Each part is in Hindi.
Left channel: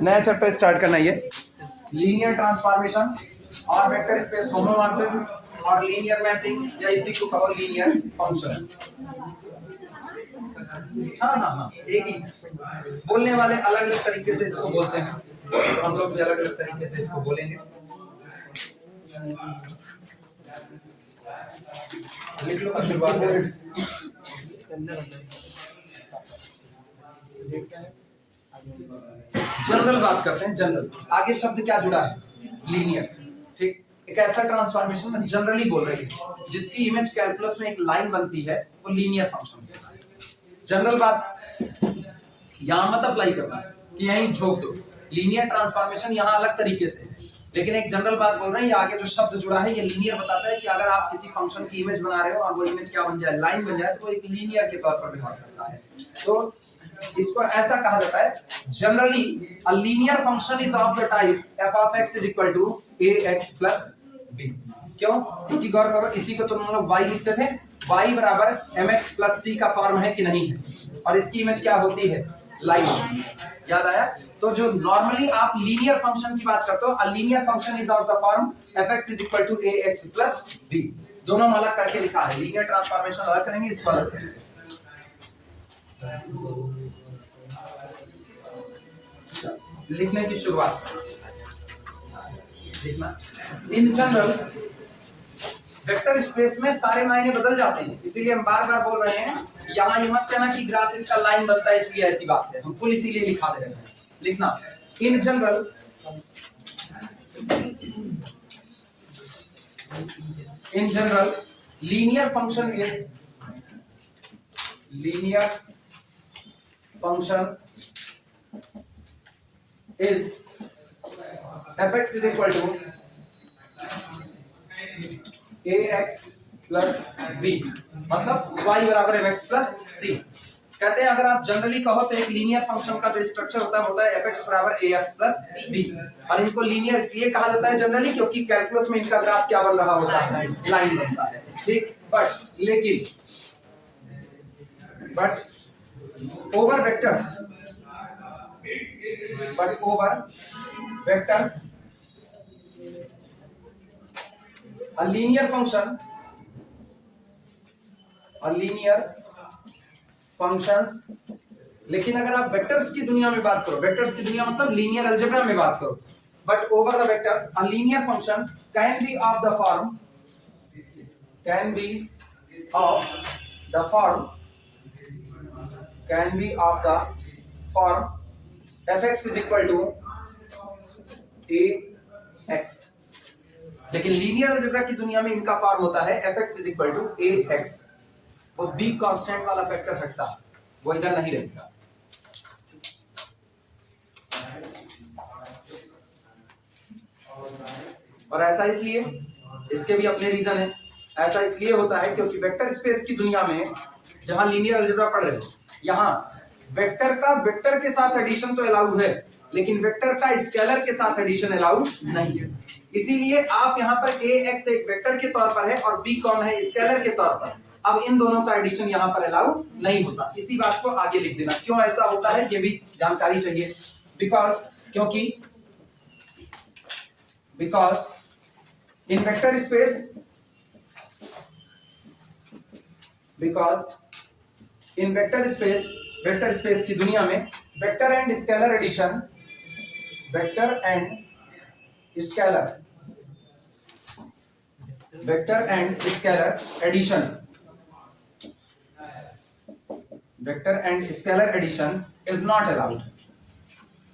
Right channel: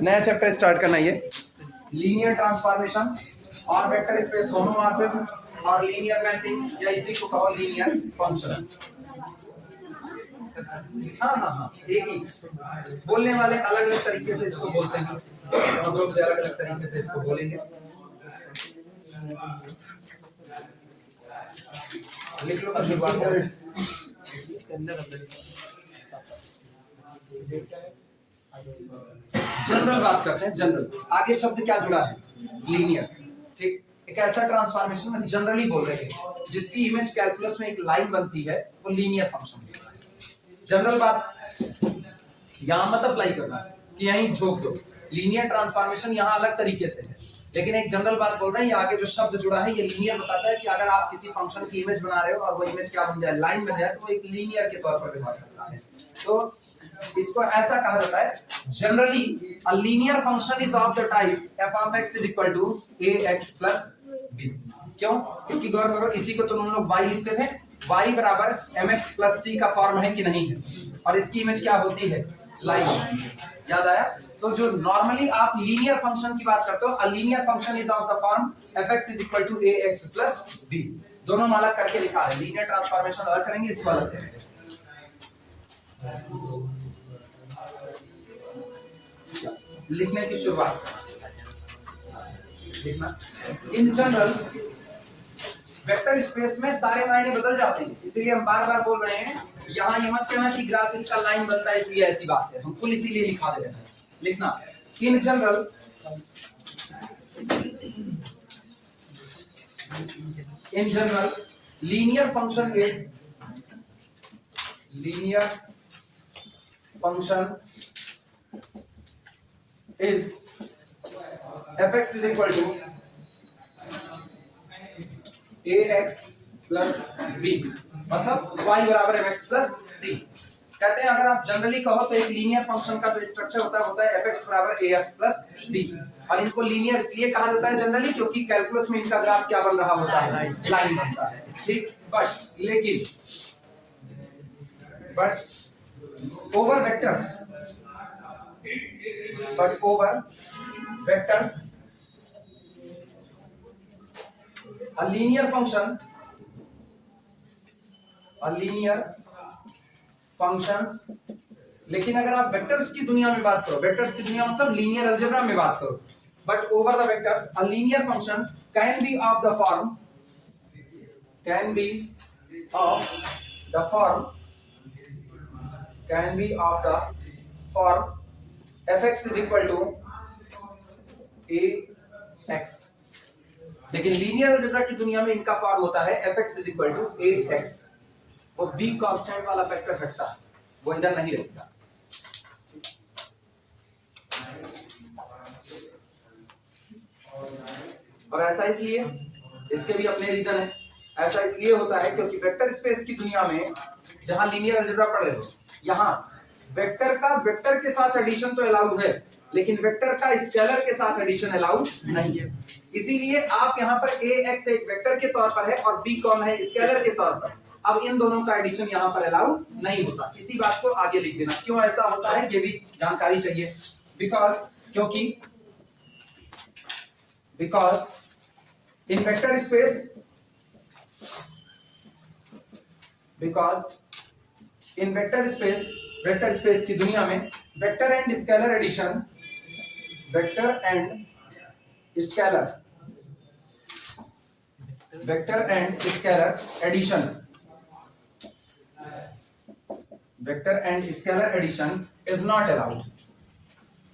नया चैप्टर स्टार्ट करना ये लीनियर ट्रांसफॉर्मेशन और वेक्टर स्पेस होमोमॉर्फिज्म और लीनियर मैपिंग या इसी को कहो लीनियर फंक्शन। हाँ एक ही बोलने वाले अलग अलग तरीके से इसको बोलते हैं, तो हम लोग अलग अलग तरीके से इसको बोलेंगे। लिख लो शुरुआत करें। जनरल बात करते हैं। जनरल आगे शब्द क्या जुड़ा है? लीनियर। ठीक, एक ऐसा ट्रांसफॉर्मेशन में जनरली बोल रहे हैं जिसकी इमेज कैलकुलस में एक लाइन बनती है, वो लीनियर फंक्शन है। जनरल बात यहां मत अप्लाई करना कि यहीं झोंक दो। लीनियर ट्रांसफॉर्मेशन यहां अलग तरीके से है, लेकिन एक जनरल बात बोल रहे हैं। ये आगे जो शब्द जुड़ा है ये लीनियर बताता है कि अगर आप किसी फंक्शन की इमेज बना रहे हो और वो इमेज क्या बन जाए, लाइन बन जाए, तो वो एक लीनियर के तौर पर व्यवहार करता है। तो इसको ऐसा कहा जाता है, generally a linear function is of the type f of x is equal to ax plus b। क्यों? क्योंकि गौर करो, इसी को तुम लोग y लिखते थे, y बराबर mx plus c का फॉर्म है कि नहीं है, और इसकी इमेज क्या होती है? लाइन। याद आया? तो जो नॉर्मली आप लीनियर फंक्शन की बात करते हो, a linear function is of the form fx is equal to ax plus b। दोनों अलग करके लिखा है, लीनियर ट्रांसफॉर्मेशन अलग करेंगे, इसको अलग करेंगे। लिखने की शुरुआत लिखना। इन जनरल वेक्टर स्पेस में सारे मायने बदल जाते हैं, इसीलिए हम बार बार बोल रहे हैं। यहां ये मत कहना कि ग्राफ इसका लाइन बनता है इसलिए ऐसी बात है, हम फुल इसीलिए लिखा दे रहे हैं। लिखना in general linear function is fx is equal to ax plus b, मतलब y बराबर mx plus c। कहते हैं अगर आप जनरली कहो तो एक लीनियर फंक्शन का जो स्ट्रक्चर होता है fx बराबर ax plus b, और इनको लीनियर इसलिए कहा जाता है जनरली क्योंकि कैलकुलस में इनका ग्राफ क्या बन रहा होता है? लाइन बनता है। ठीक, but over vectors a linear functions, लेकिन अगर आप वेक्टर्स की दुनिया में बात करो, वेक्टर्स की दुनिया मतलब लीनियर अलजेब्रा में बात करो, but over the vectors a linear function can be of the form fx is equal to ax, लेकिन लीनियर अलजेब्रा की दुनिया में इनका फॉर्म होता है fx is equal to ax। वो b कांस्टेंट वाला फैक्टर हटता है, वो इधर नहीं रहेगा। और ऐसा इसलिए, इसके भी अपने रीजन है। ऐसा इसलिए होता है क्योंकि वेक्टर स्पेस की दुनिया में जहां लीनियर अलजेब्रा पढ़ रहे हो, यहां वेक्टर का वेक्टर के साथ एडिशन तो अलाउड है, लेकिन वेक्टर का स्केलर के साथ एडिशन अलाउड नहीं है। इसीलिए आप यहाँ पर ax एक वेक्टर के तौर पर है और b कौन है? स्केलर के तौर पर। अब इन दोनों का एडिशन यहाँ पर अलाउड नहीं होता। इसी बात को आगे लिख देना, क्यों ऐसा होता है ये भी जानकारी चाहिए। Because in vector space vector space की दुनिया में vector and scalar addition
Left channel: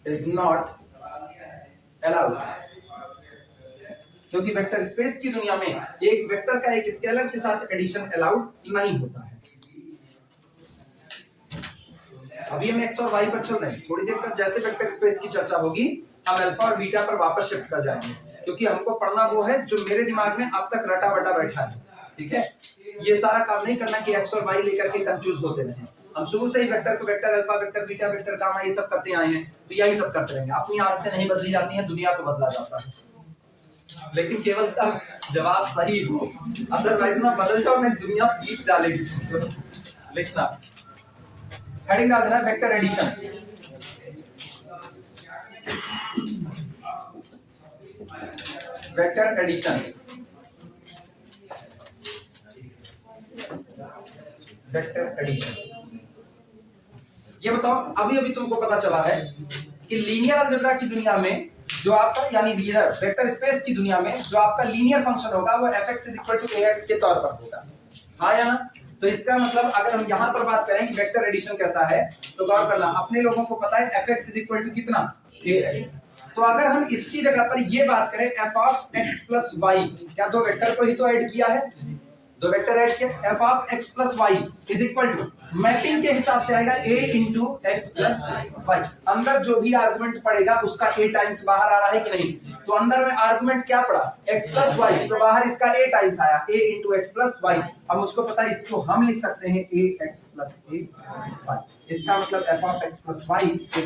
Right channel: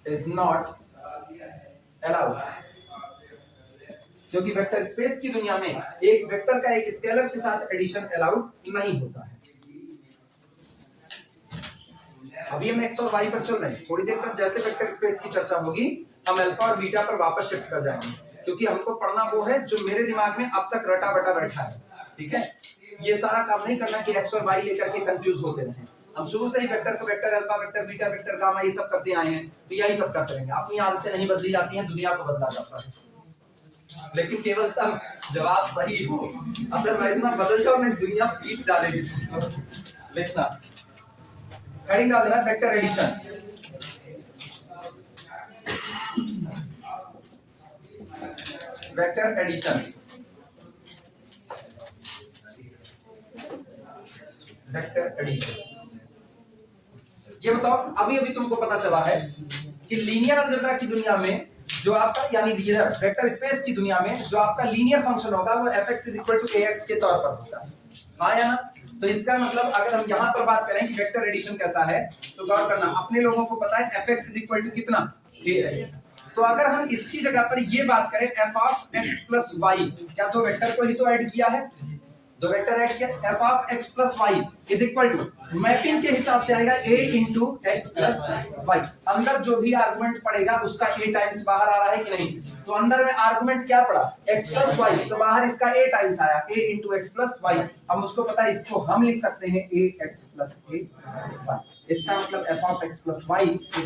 is not allowed, क्योंकि वेक्टर स्पेस की दुनिया में एक वेक्टर का एक स्केलर के साथ एडिशन अलाउड नहीं होता है। अभी हम x और y पर चल रहे हैं, थोड़ी देर पर जैसे वेक्टर स्पेस की चर्चा होगी हम अल्फा और बीटा पर वापस शिफ्ट कर जाएंगे, क्योंकि हमको पढ़ना वो है जो मेरे दिमाग में अब तक रटा बटा बैठा है। ठीक है, ये सारा काम नहीं करना कि x और y लेकर के कंफ्यूज होते रहें। हम शुरू से ही वेक्टर को vector alpha, vector beta, vector gamma ये सब करते आए हैं, तो यही सब करते रहेंगे। अपनी आदतें नहीं बदली जाती हैं, दुनिया को बदला जाता है, लेकिन केवल तब जब आप सही हो, अदरवाइज ना बदल जाओ, नहीं दुनिया पीट डालेगी। लिखना, हेडिंग डाल देना vector addition. Vector addition, vector addition. ये बताओ, अभी अभी तुमको पता चला है कि लीनियर अलजेब्रा की दुनिया में जो आपका यानी वेक्टर स्पेस की दुनिया में जो आपका लीनियर फंक्शन होगा वो fx = ax के तौर पर होगा, हाँ या ना? तो इसका मतलब अगर हम यहाँ पर बात करें कि वेक्टर एडिशन कैसा है, तो गौर करना, अपने लोगों को पता है fx = कितना, ax। तो अगर हम इसकी जगह पर ये बात करें f(x + y), क्या दो वेक्टर को ही तो ऐड किया है, दो वेक्टर ऐड किया, f(x + y) = मैपिंग के हिसाब से आएगा a × x + y। अंदर जो भी आर्गुमेंट पड़ेगा उसका a टाइम्स बाहर आ रहा है कि नहीं, तो अंदर में आर्गुमेंट क्या पड़ा, x + y, तो बाहर इसका a टाइम्स आया, a × x + y। अब मुझको पता है इसको हम लिख सकते हैं ax + ay। इसका मतलब f(x + y) =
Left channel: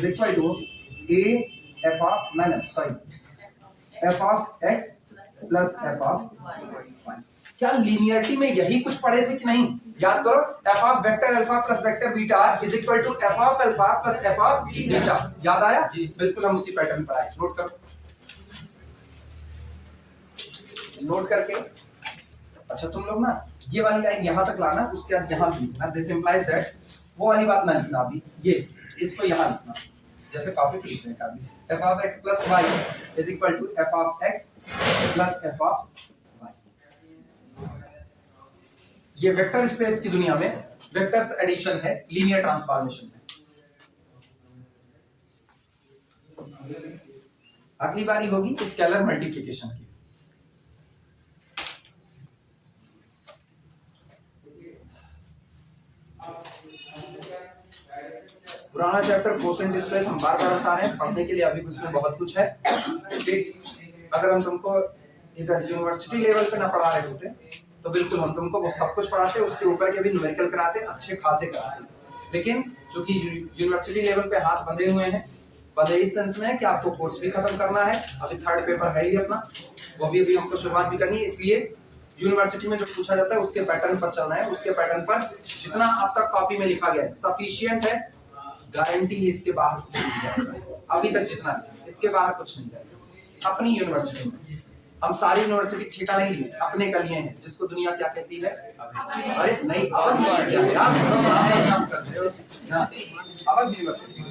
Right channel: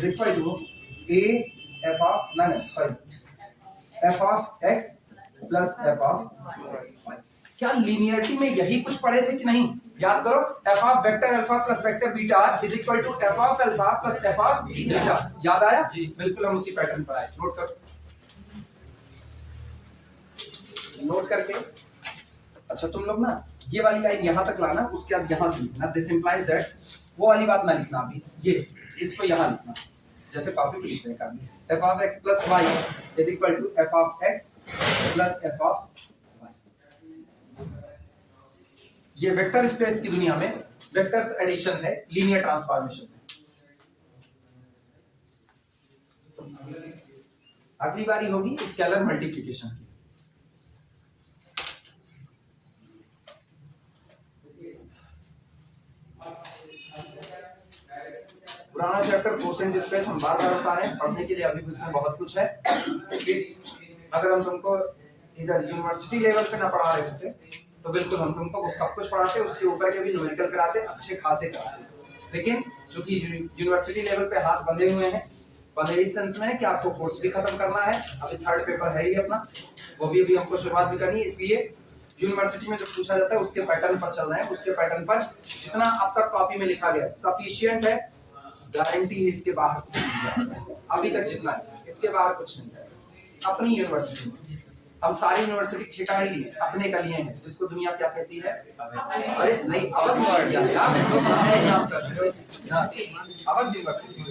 f(x + f(y)। क्या लीनियरिटी में यही कुछ पढ़े थे कि नहीं? याद करो, f of vector alpha plus vector beta is equal to f of alpha plus f of beta. याद आया जी? बिल्कुल हम उसी पैटर्न पर आए। नोट करो, नोट करके। अच्छा तुम लोग ना ये वाली लाइन यहां तक लाना, उसके बाद यहां से लिखना, दिस इंप्लाइज दैट, वो वाली बात ना लिखना अभी, ये इसको यहां लिखना, जैसे कॉपी पे लिख रहे हैं कभी, f of x + y is equal to f of x plus f of y। ये वेक्टर स्पेस की दुनिया में वेक्टर्स एडिशन है, लीनियर ट्रांसफॉर्मेशन है। अगली बारी होगी स्केलर मल्टीप्लिकेशन की। पुराना चैप्टर कोसेंट स्पेस हम बार-बार बता रहे हैं, पढ़ने के लिए अभी उसमें बहुत कुछ है। अगर हम तुमको इधर यूनिवर्सिटी लेवल पे ना पढ़ा रहे होते तो बिल्कुल हम तुमको वो सब कुछ पढ़ाते, उसके ऊपर के भी न्यूमेरिकल कराते, अच्छे खासे कराते। लेकिन चूंकि यूनिवर्सिटी लेवल पे हाथ बंधे हुए हैं, बंधे इस सेंस में है कि आपको कोर्स भी खत्म करना है, अभी थर्ड पेपर है ही अपना, वो भी अभी हमको शुरुआत भी करनी है, इसलिए यूनिवर्सिटी में जो पूछा जाता है उसके पैटर्न पर चलना है, उसके पैटर्न पर जितना अब तक कॉपी में लिखा गया है सफिशिएंट है, गारंटी इसके बाहर कुछ नहीं है। अभी तक जितना इसके बाहर कुछ नहीं है। अपनी यूनिवर्सिटी में हम सारी यूनिवर्सिटी ठेका नहीं लिए, अपने का लिए हैं, जिसको दुनिया क्या कहती है, अरे नहीं अवध यूनिवर्सिटी।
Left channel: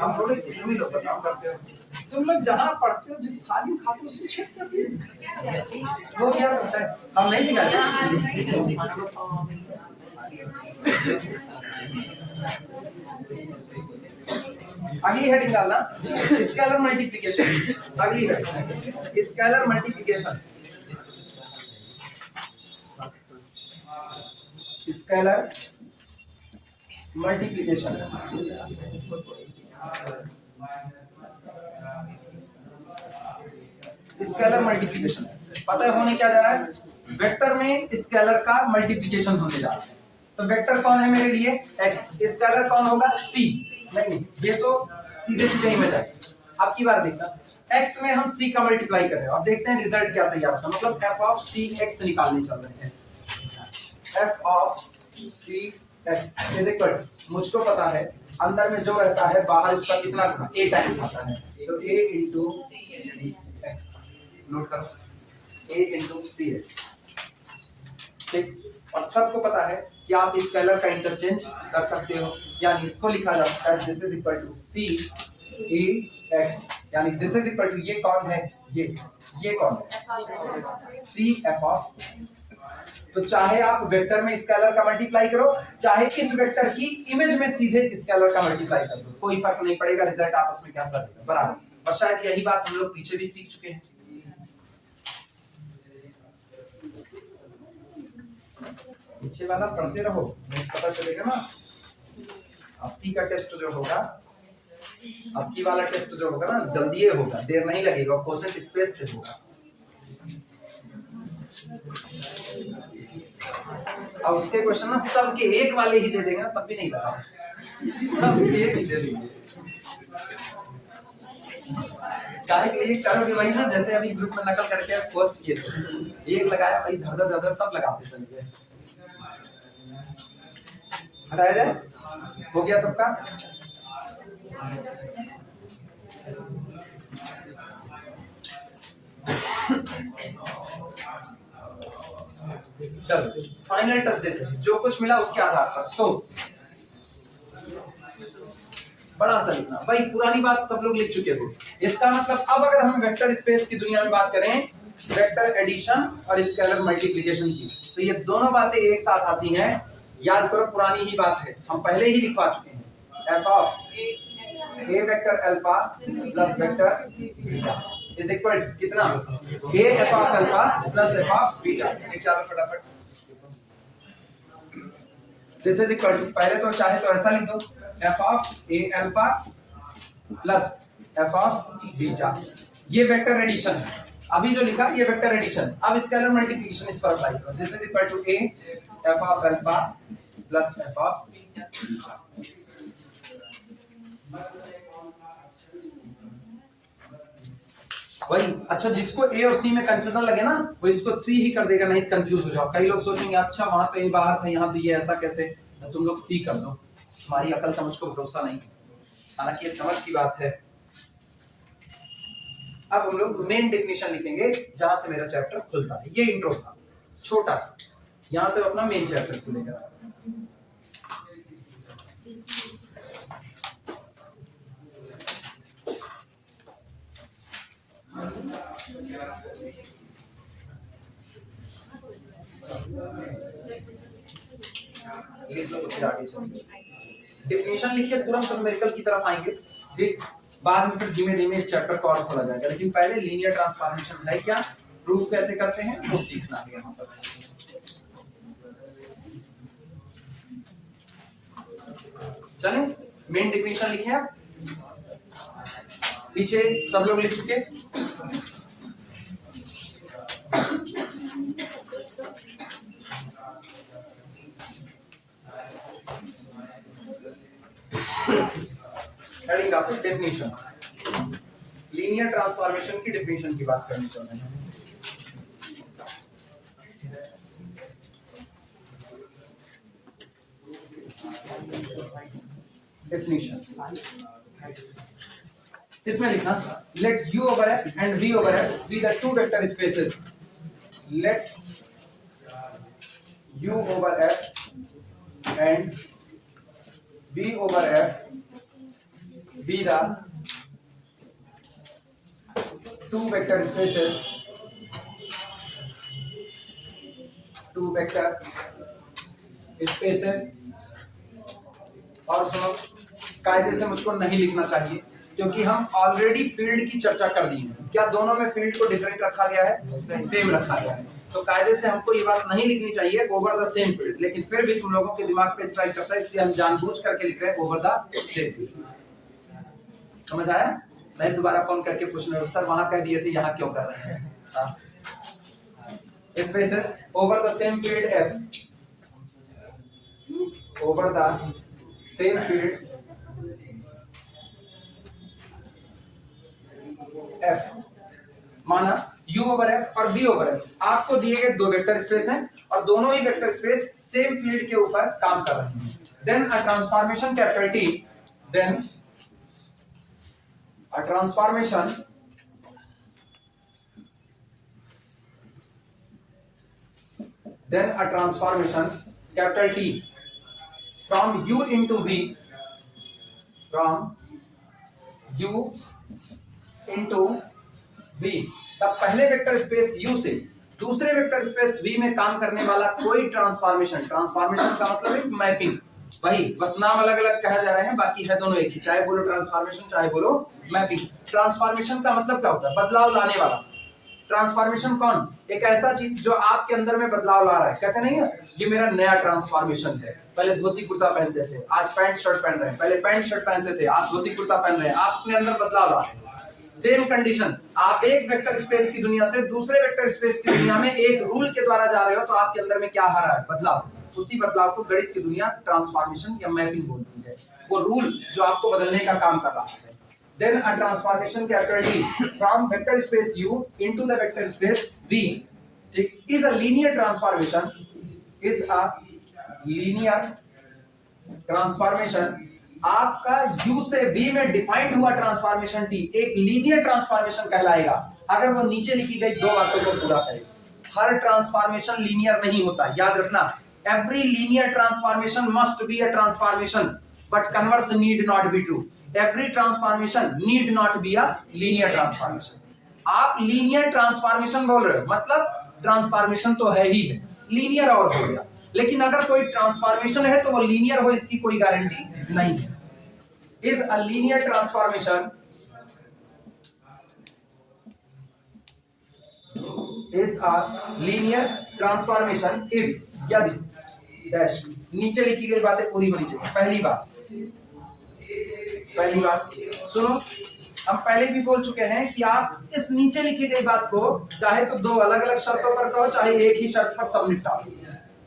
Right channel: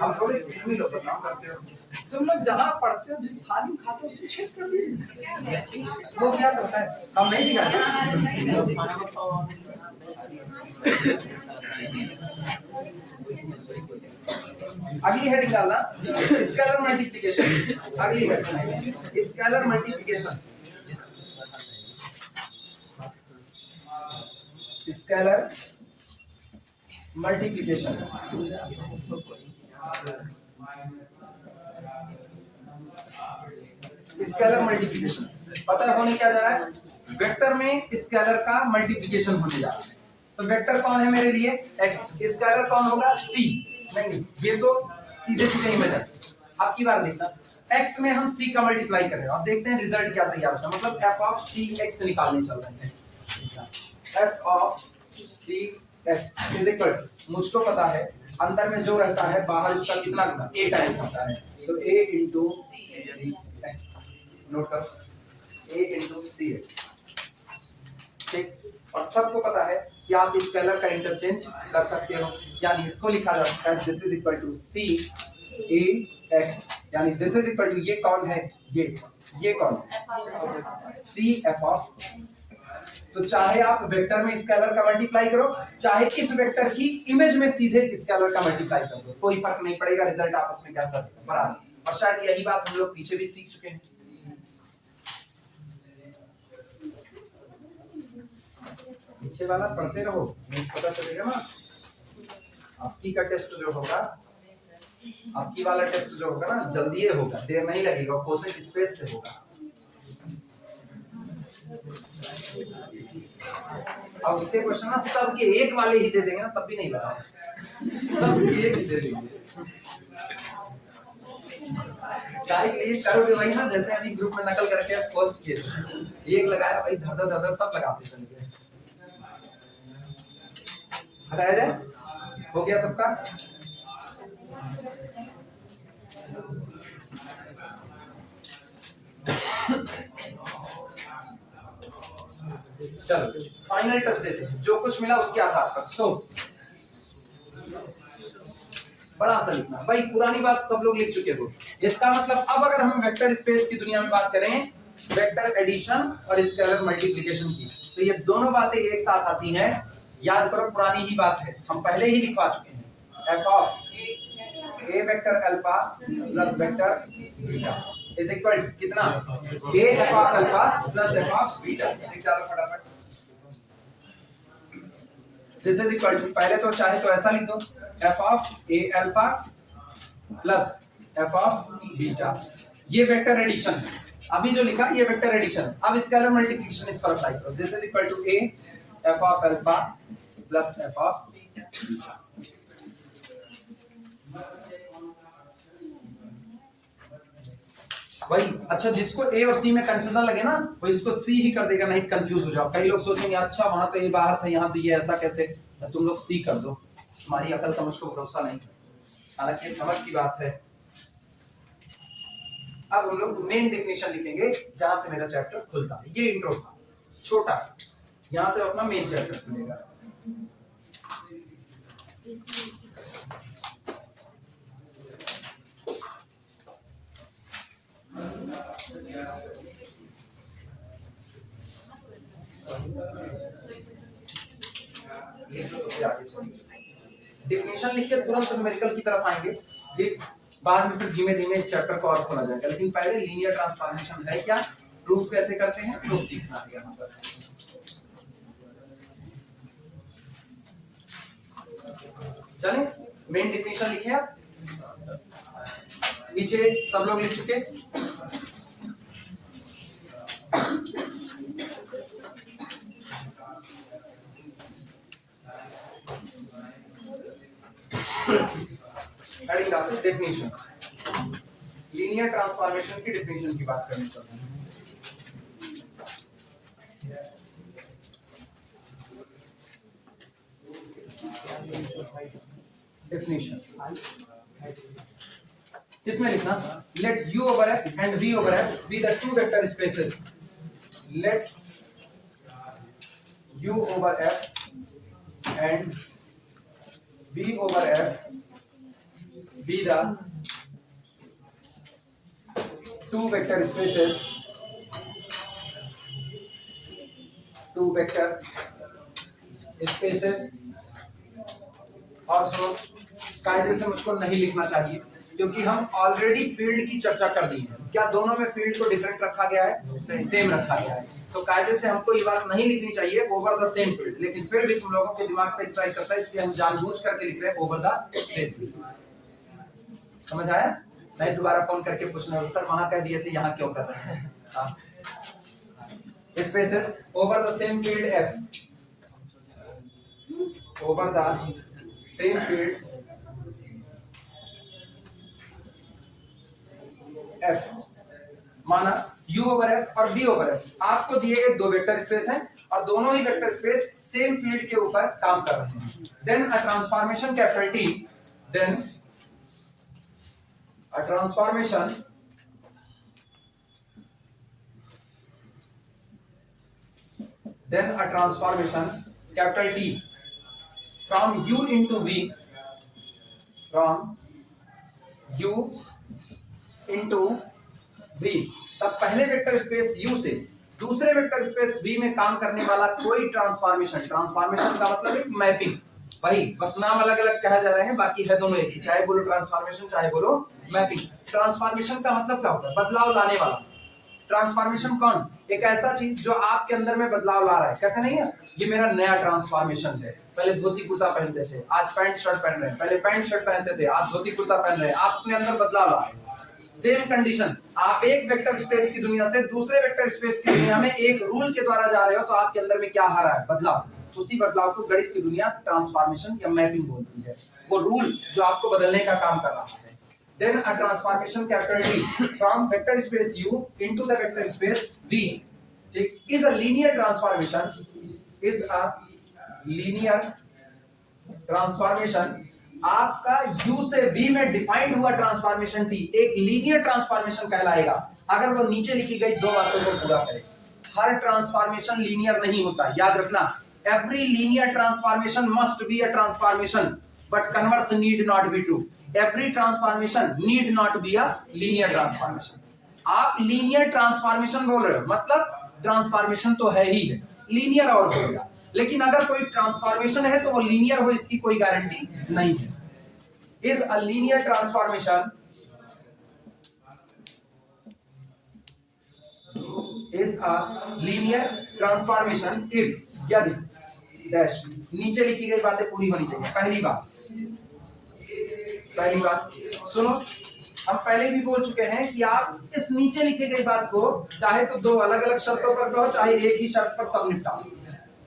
हम थोड़े तुम ही लोग बदनाम करते हो, तुम लोग जहाँ पढ़ते हो जिस थाली में खाते हो उसे छेद कर दिए, वो क्या करता है, हम नहीं सिखाते। अगली हेडिंग डालना स्केलर मल्टीप्लिकेशन। अगली heading scalar multiplication. Scalar multiplication scalar multiplication पता है होने क्या जा रहा है, वेक्टर में स्केलर का मल्टीप्लिकेशन होने जा रहा है। तो वेक्टर कौन है मेरे लिए, x, स्केलर कौन होगा, c। नहीं ये तो सीधे सीधे इमेज है। अब की बार देखना, x में हम c का मल्टीप्लाई कर रहे हैं और देखते हैं रिजल्ट क्या तैयार होता है, मतलब f ऑफ c x निकालने चल रहे हैं। f of c x is equal, मुझको पता है अंदर में जो रहता है बाहर उसका कितना गुना a टाइम्स आता है, तो a into cx। नोट करो, a into cx, ठीक। और सबको पता है कि आप स्केलर का इंटरचेंज कर सकते हो, यानी इसको लिखा जा सकता है this is equal to c a x, यानी दिस इज इक्वल टू ये कौन है, ये कौन है, c f ऑफ। तो चाहे आप वेक्टर में स्केलर का मल्टीप्लाई करो, चाहे इस वेक्टर की इमेज में सीधे स्केलर का मल्टीप्लाई कर दो, कोई फर्क नहीं पड़ेगा, रिजल्ट आपस में क्या करेगा बराबर। और शायद यही बात हम लोग पीछे भी सीख चुके हैं। पीछे वाला पढ़ते रहो, पता चलेगा ना। आपकी का टेस्ट जो होगा, आपकी वाला टेस्ट जो होगा ना जल्दी होगा, देर नहीं लगेगा, कोसेंट स्पेस से होगा। और उसके क्वेश्चन ना सबके एक वाले ही दे देंगे ना, तब भी नहीं लगा, सबके एक ही दे देंगे। काय के लिए करोगे वही ना, जैसे अभी ग्रुप में नकल करके पोस्ट किए थे, एक लगाया भाई धर धर सब लगाते चले गए। हटाया जाए, हो गया सबका। चलो फाइनल टच देते हैं, जो कुछ मिला उसके आधार पर। सो बड़ा सा लिखना भाई, पुरानी बात सब लोग लिख चुके हो। इसका मतलब अब अगर हम वेक्टर स्पेस की दुनिया में बात करें, वेक्टर एडिशन और स्केलर मल्टीप्लिकेशन की, तो ये दोनों बातें एक साथ आती हैं। याद करो पुरानी ही बात है, हम पहले ही लिखवा चुके हैं। F of a vector alpha plus vector beta is equal कितना, a F of alpha plus F of beta. लिख डालो फटाफट। दिस इज इक्वल टू, पहले तो चाहे तो ऐसा लिख दो, F of A alpha plus F of beta. ये वेक्टर एडिशन है, अभी जो लिखा ये वेक्टर एडिशन। अब स्केलर मल्टीप्लिकेशन इस पर अप्लाई करो। This is equal to A F of alpha plus F of beta. वही अच्छा, जिसको ए और सी में कंफ्यूजन लगे ना, वो इसको सी ही कर देगा, नहीं कंफ्यूज हो जाओ। कई लोग सोचेंगे अच्छा वहां तो ए बाहर था, यहाँ तो ये ऐसा कैसे, तुम लोग सी कर दो। तुम्हारी अकल समझ को भरोसा नहीं, हालांकि ये समझ की बात है। अब हम लोग मेन डेफिनेशन लिखेंगे जहां से मेरा चैप्टर खुलता है। ये इंट्रो था छोटा सा, यहां से अपना मेन चैप्टर खुलेगा। लिख लो तो फिर आगे चलेंगे। डेफिनेशन लिख के तुरंत न्यूमेरिकल की तरफ आएंगे, फिर बाद में फिर धीमे धीमे इस चैप्टर को और खोला जाएगा। लेकिन पहले लीनियर ट्रांसफॉर्मेशन है क्या, प्रूफ कैसे करते हैं वो सीखना है यहाँ पर। चलें, मेन डेफिनेशन लिखे आप, पीछे सब लोग लिख चुके। हेडिंग आपकी डेफिनेशन, लीनियर ट्रांसफॉर्मेशन की डेफिनेशन की बात करनी चाहते हैं। डेफिनेशन इसमें लिखना, late u over f and v over f be the two vector spaces. Let u over f and v over f be the two vector spaces, two vector spaces। और सुनो, कायदे से मुझको नहीं लिखना चाहिए क्योंकि हम ऑलरेडी फील्ड की चर्चा कर दी है। क्या दोनों में फील्ड को डिफरेंट रखा गया है? सेम रखा गया है। तो कायदे से हमको ये बात नहीं लिखनी चाहिए ओवर द सेम फील्ड, लेकिन फिर भी तुम लोगों के दिमाग पे स्ट्राइक करता है, इसलिए हम जानबूझ करके लिख रहे हैं ओवर द सेम फील्ड। समझ आया? मैं दोबारा फोन करके पूछना, सर वहां कह दिए थे यहाँ क्यों कर रहे हैं? Spaces over the same field F, over the same field F। माना U ओवर F और V ओवर F आपको दिए गए दो वेक्टर स्पेस हैं और दोनों ही वेक्टर स्पेस सेम फील्ड के ऊपर काम कर रहे हैं। Then a transformation capital T, then a transformation capital T from U into V, from U into V। तब पहले वेक्टर स्पेस U से दूसरे वेक्टर स्पेस V में काम करने वाला कोई ट्रांसफॉर्मेशन, ट्रांसफॉर्मेशन का मतलब एक मैपिंग, वही बस नाम अलग अलग कहा जा रहे हैं, बाकी है दोनों एक ही, चाहे बोलो ट्रांसफॉर्मेशन चाहे बोलो मैपिंग। ट्रांसफॉर्मेशन का मतलब क्या होता है? बदलाव लाने वाला। ट्रांसफॉर्मेशन कौन? एक ऐसा चीज जो आपके अंदर में बदलाव ला रहा है। कहते नहीं है ये मेरा नया ट्रांसफॉर्मेशन है, पहले धोती कुर्ता पहनते थे आज पैंट शर्ट पहन रहे हैं, पहले पैंट शर्ट पहनते थे आज धोती कुर्ता पहन रहे हैं, आप अपने अंदर बदलाव ला रहे हैं। सेम कंडीशन, आप एक वेक्टर स्पेस की दुनिया से दूसरे वेक्टर स्पेस की दुनिया में एक रूल के द्वारा जा रहे हो, तो आपके अंदर में क्या आ रहा है? बदलाव। उसी बदलाव को गणित की दुनिया ट्रांसफॉर्मेशन या मैपिंग बोलती है, वो रूल जो आपको बदलने का काम कर रहा है। Then a transformation capital T from vector space U into the vector space V is a linear transformation, is a linear transformation आपका u से v में डिफाइंड हुआ ट्रांसफॉर्मेशन t एक लीनियर ट्रांसफॉर्मेशन कहलाएगा अगर वो नीचे लिखी गई दो बातों को पूरा करे। हर ट्रांसफॉर्मेशन लीनियर नहीं होता, याद रखना। Every linear transformation must be a transformation but converse need not be true. Every transformation need not be a linear transformation. आप लीनियर ट्रांसफॉर्मेशन बोल रहे हो मतलब ट्रांसफॉर्मेशन तो है ही है, लीनियर और हो गया, लेकिन अगर कोई ट्रांसफॉर्मेशन है तो वो लीनियर हो इसकी कोई गारंटी नहीं है। Is a linear transformation is a linear transformation if यदि डैश नीचे लिखी गई बातें पूरी होनी चाहिए। पहली बात सुनो, हम पहले भी बोल चुके हैं कि आप इस नीचे लिखी गई बात को चाहे तो दो अलग अलग शर्तों पर कहो चाहे एक ही शर्त पर सब निपटाओ।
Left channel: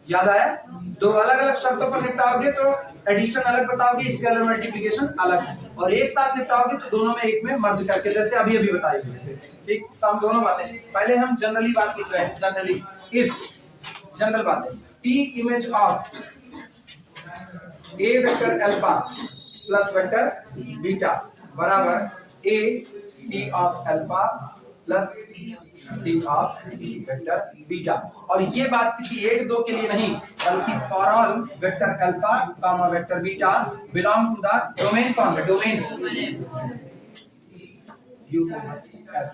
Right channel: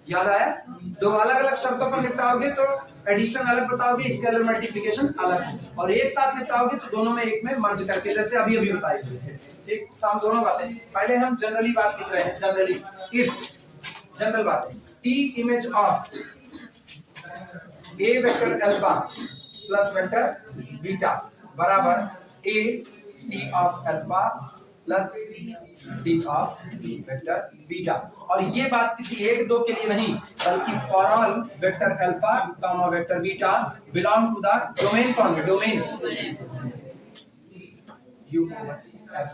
याद आया? दो अलग अलग शर्तों पर निपटाओगे तो एडिशन अलग बताओगे, स्केलर मल्टीप्लिकेशन अलग, और एक साथ निपटाओगे तो दोनों में एक में मर्ज करके, जैसे अभी अभी बताई गई। ठीक, तो हम दोनों बातें पहले हम जनरली बात लिख रहे हैं। जनरली इफ जनरल बात है T image of a vector alpha plus vector beta बराबर a T of alpha plus T of vector beta. और ये बात किसी एक दो के लिए नहीं बल्कि for all vector alpha comma vector beta belong to the domain. कौन है? Domain U F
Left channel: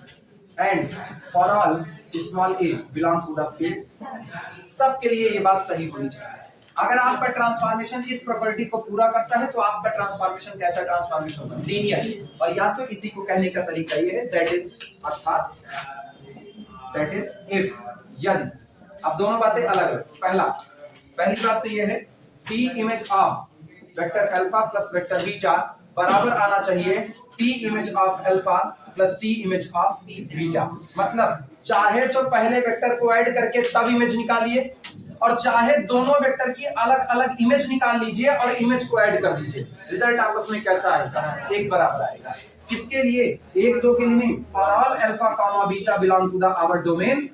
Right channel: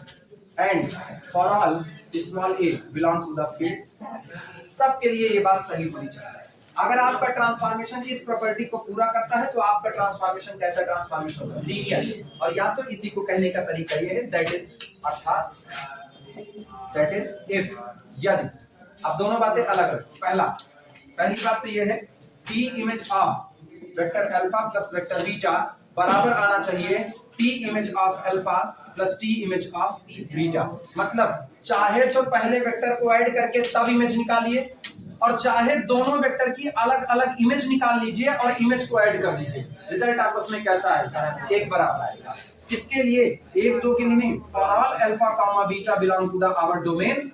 and for all small a belongs to the field. सबके लिए ये बात सही होनी चाहिए। अगर आपका ट्रांसफॉर्मेशन इस प्रॉपर्टी को पूरा करता है तो आपका ट्रांसफॉर्मेशन कैसा ट्रांसफॉर्मेशन होगा? लीनियर। और या तो इसी को कहने का तरीका ये है दैट इज अर्थात दैट इज इफ यदि। अब दोनों बातें अलग अलग। पहली बात तो ये है T image of vector alpha plus vector beta बराबर आना चाहिए T image of alpha plus T image of beta. मतलब चाहे तो पहले वेक्टर को ऐड करके तब इमेज निकालिए और चाहे दोनों वेक्टर की अलग अलग इमेज निकाल लीजिए और इमेज को ऐड कर दीजिए, रिजल्ट आपस में कैसा आएगा? एक बराबर आएगा। किसके लिए? एक दो के लिए नहीं, for all alpha comma beta belong to the our domain.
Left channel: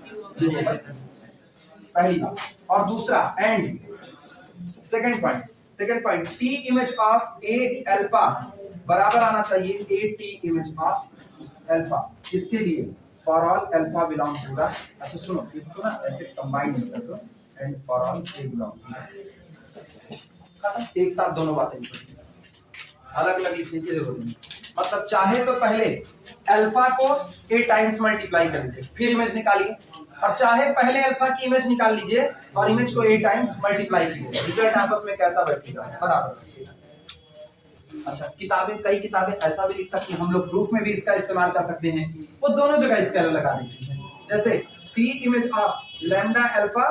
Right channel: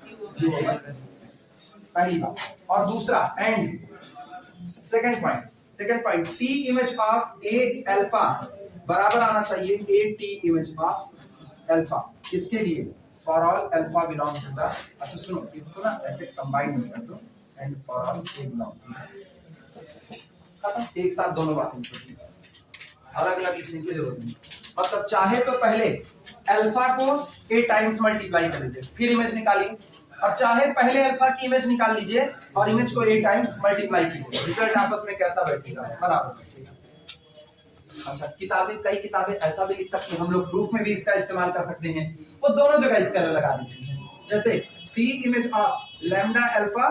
पहली बात। और दूसरा and second point T image of A alpha बराबर आना चाहिए A T image of alpha. किसके लिए? For all alpha belong to the, अच्छा सुनो इसको ना ऐसे कंबाइन कर दो and for all A belong to, खत्म। एक साथ दोनों बातें अलग अलग लिखने की जरूरत नहीं। मतलब चाहे तो पहले अल्फा को a टाइम्स मल्टीप्लाई कर लीजिए फिर इमेज निकालिए, और चाहे पहले अल्फा की इमेज निकाल लीजिए और इमेज को a टाइम्स मल्टीप्लाई कीजिए, रिजल्ट आपस में कैसा बैठेगा? बराबर। अच्छा कई किताबें ऐसा भी लिख सकती हैं, हम लोग प्रूफ में भी इसका इस्तेमाल कर सकते हैं, वो दोनों जगह स्केलर लगा देती हैं। जैसे T image of lambda alpha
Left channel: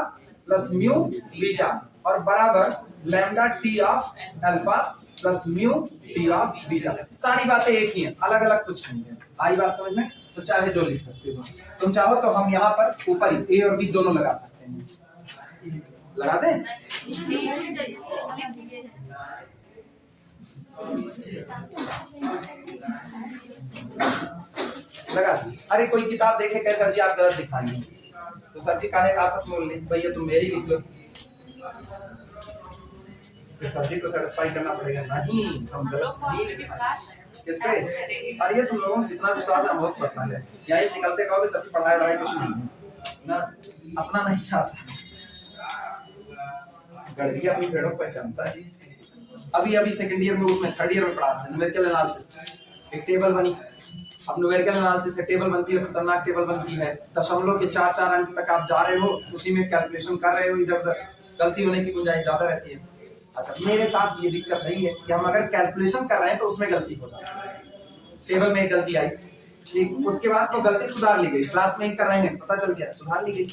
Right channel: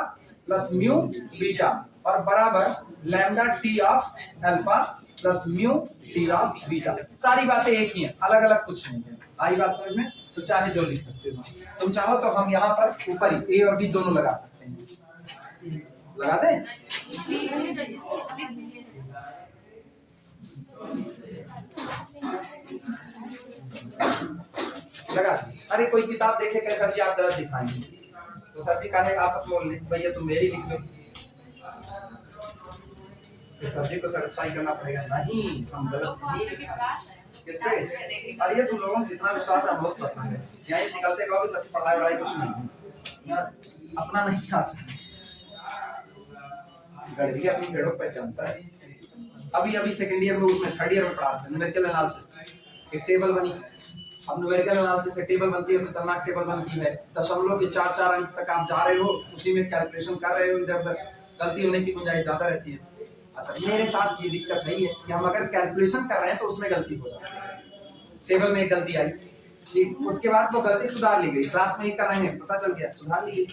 plus mu beta और बराबर lambda T of alpha plus mu T of beta. सारी बातें एक ही हैं, अलग अलग कुछ नहीं है। आई बात समझ में? तो चाहे जो लिख सकते हो, तुम चाहो तो हम यहाँ पर ऊपर ही ए और बी दोनों लगा सकते हैं। लगा दें? लगा। अरे कोई किताब देखे कहे सर जी आप गलत दिखाएंगे, तो सर जी कहे आप बोल ले भैया तुम मेरी लिख लो, सर जी को सेटिस्फाई करना पड़ेगा। नहीं हम गलत नहीं। किस पे? अरे तुम लोगों को जितना विश्वास है बहुत पता है, या ये निकलते कहोगे सच पढ़ाई कुछ नहीं ना, अपना नहीं आता, गड़बड़ी अपनी भेड़ों को पहचानता है। अभी सेकंड ईयर में उसमें थर्ड ईयर में पढ़ाते हैं न्यूमेरिकल एनालिसिस, एक टेबल बनी। अब न्यूमेरिकल एनालिसिस एक टेबल बनती है, खतरनाक टेबल बनती है, दशमलव के 4 अंक तक आप जा रहे हो, उसी में कैलकुलेशन कर रहे हो, इधर उधर गलती होने की गुंजाइश ज्यादा रहती है। अच्छा मेरे साथ ये दिक्कत रही है कि हम अगर कैलकुलेशन कर रहे हैं तो उसमें गलती हो जाती है। टेबल में एक गलती आई, ठीक, उसके बाद तो गलती सुधार ली गई, क्लास में ही कर रहे हैं पता चल गया सुधार ली गई।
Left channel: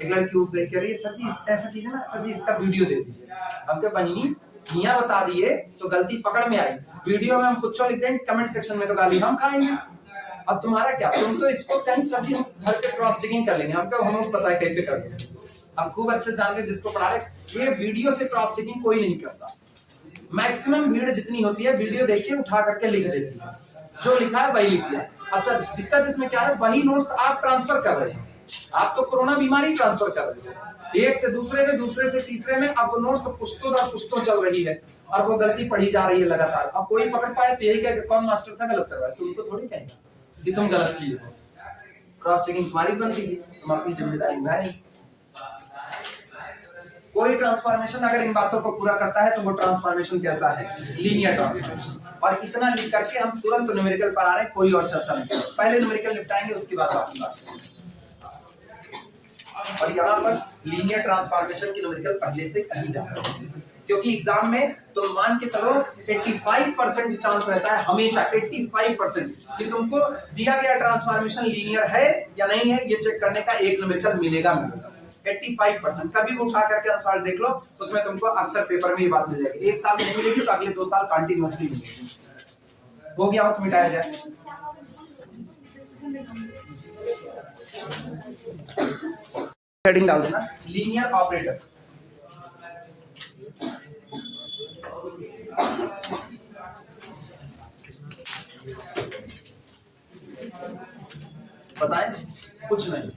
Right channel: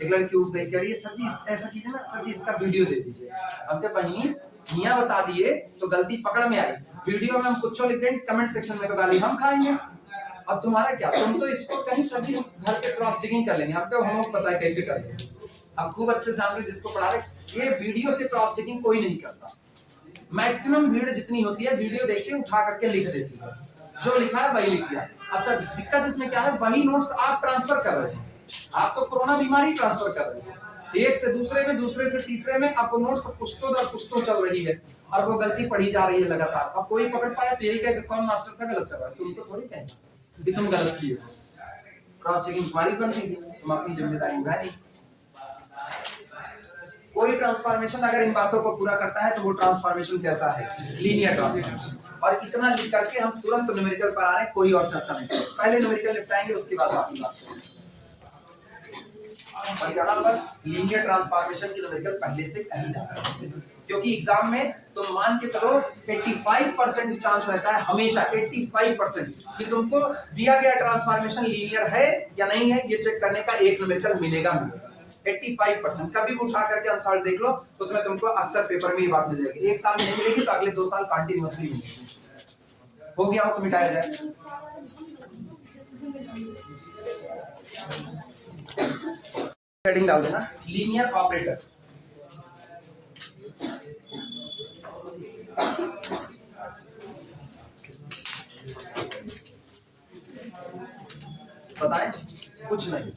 एक लड़की उठ देख के रही है सर जी ऐसा कीजिए ना, सर जी इसका वीडियो दे दीजिए। हम क्या बहिनी मियां बता दिए तो गलती पकड़ में आई, वीडियो में हम कुछ लिख देंगे, कमेंट सेक्शन में तो गाली हम खाएंगे। अब तुम्हारा क्या, तुम तो इसको कहीं सर जी घर पे क्रॉस चेकिंग कर लेंगे, हमको हमें पता है कैसे कर लेंगे, हम खूब अच्छे जानते हैं जिसको पढ़ा रहे। ये वीडियो से क्रॉस चेकिंग कोई नहीं करता, मैक्सिमम भीड़ जितनी होती है वीडियो देख के उठा करके लिख देती है, जो लिखा है वही लिख दिया। अच्छा दिक्कत इसमें क्या है, वही नोट्स आप ट्रांसफर कर रहे हैं, आप तो कोरोना बीमारी ट्रांसफर कर रहे हैं, एक से दूसरे में, दूसरे से तीसरे में, अब वो नोट्स पुश्तों दर पुश्तों चल रही है और वो गलती पढ़ी जा रही है लगातार। अब कोई पकड़ पाए तो यही कहे कौन मास्टर था गलत कर रहा है, तुमको थोड़ी कहेंगे कि तुम गलत किए हो। क्रॉस चेकिंग तुम्हारी बनती है, तुम अपनी जिम्मेदारी निभा नहीं। कोई ट्रांसफॉर्मेशन अगर इन बातों को पूरा करता है तो वो ट्रांसफॉर्मेशन कैसा है? Linear transformation. और इतना लिख करके हम तुरंत न्यूमेरिकल पर आ रहे हैं, कोई और चर्चा नहीं करेंगे, पहले न्यूमेरिकल निपटाएंगे उसके बाद बाकी बात करेंगे। और यहाँ पर लीनियर ट्रांसफॉर्मेशन की न्यूमेरिकल पहले से कहीं जा रहा है, क्योंकि एग्जाम में तो मान के चलो 85% चांस रहता है, हमेशा 85% कि तुमको दिया गया ट्रांसफॉर्मेशन लीनियर है या नहीं है, ये चेक करने का एक न्यूमेरिकल मिलेगा। 85% कभी भी उठा करके आंसर देख लो, उसमें तुमको अक्सर पेपर में ये बात मिल जाएगी। एक साल में नहीं मिलेगी तो अगले 2 साल कंटिन्यूअसली मिलेगी। हो गया हो तो मिटाया जाए। हेडिंग डाल देना लीनियर ऑपरेटर। बताएं कुछ नहीं,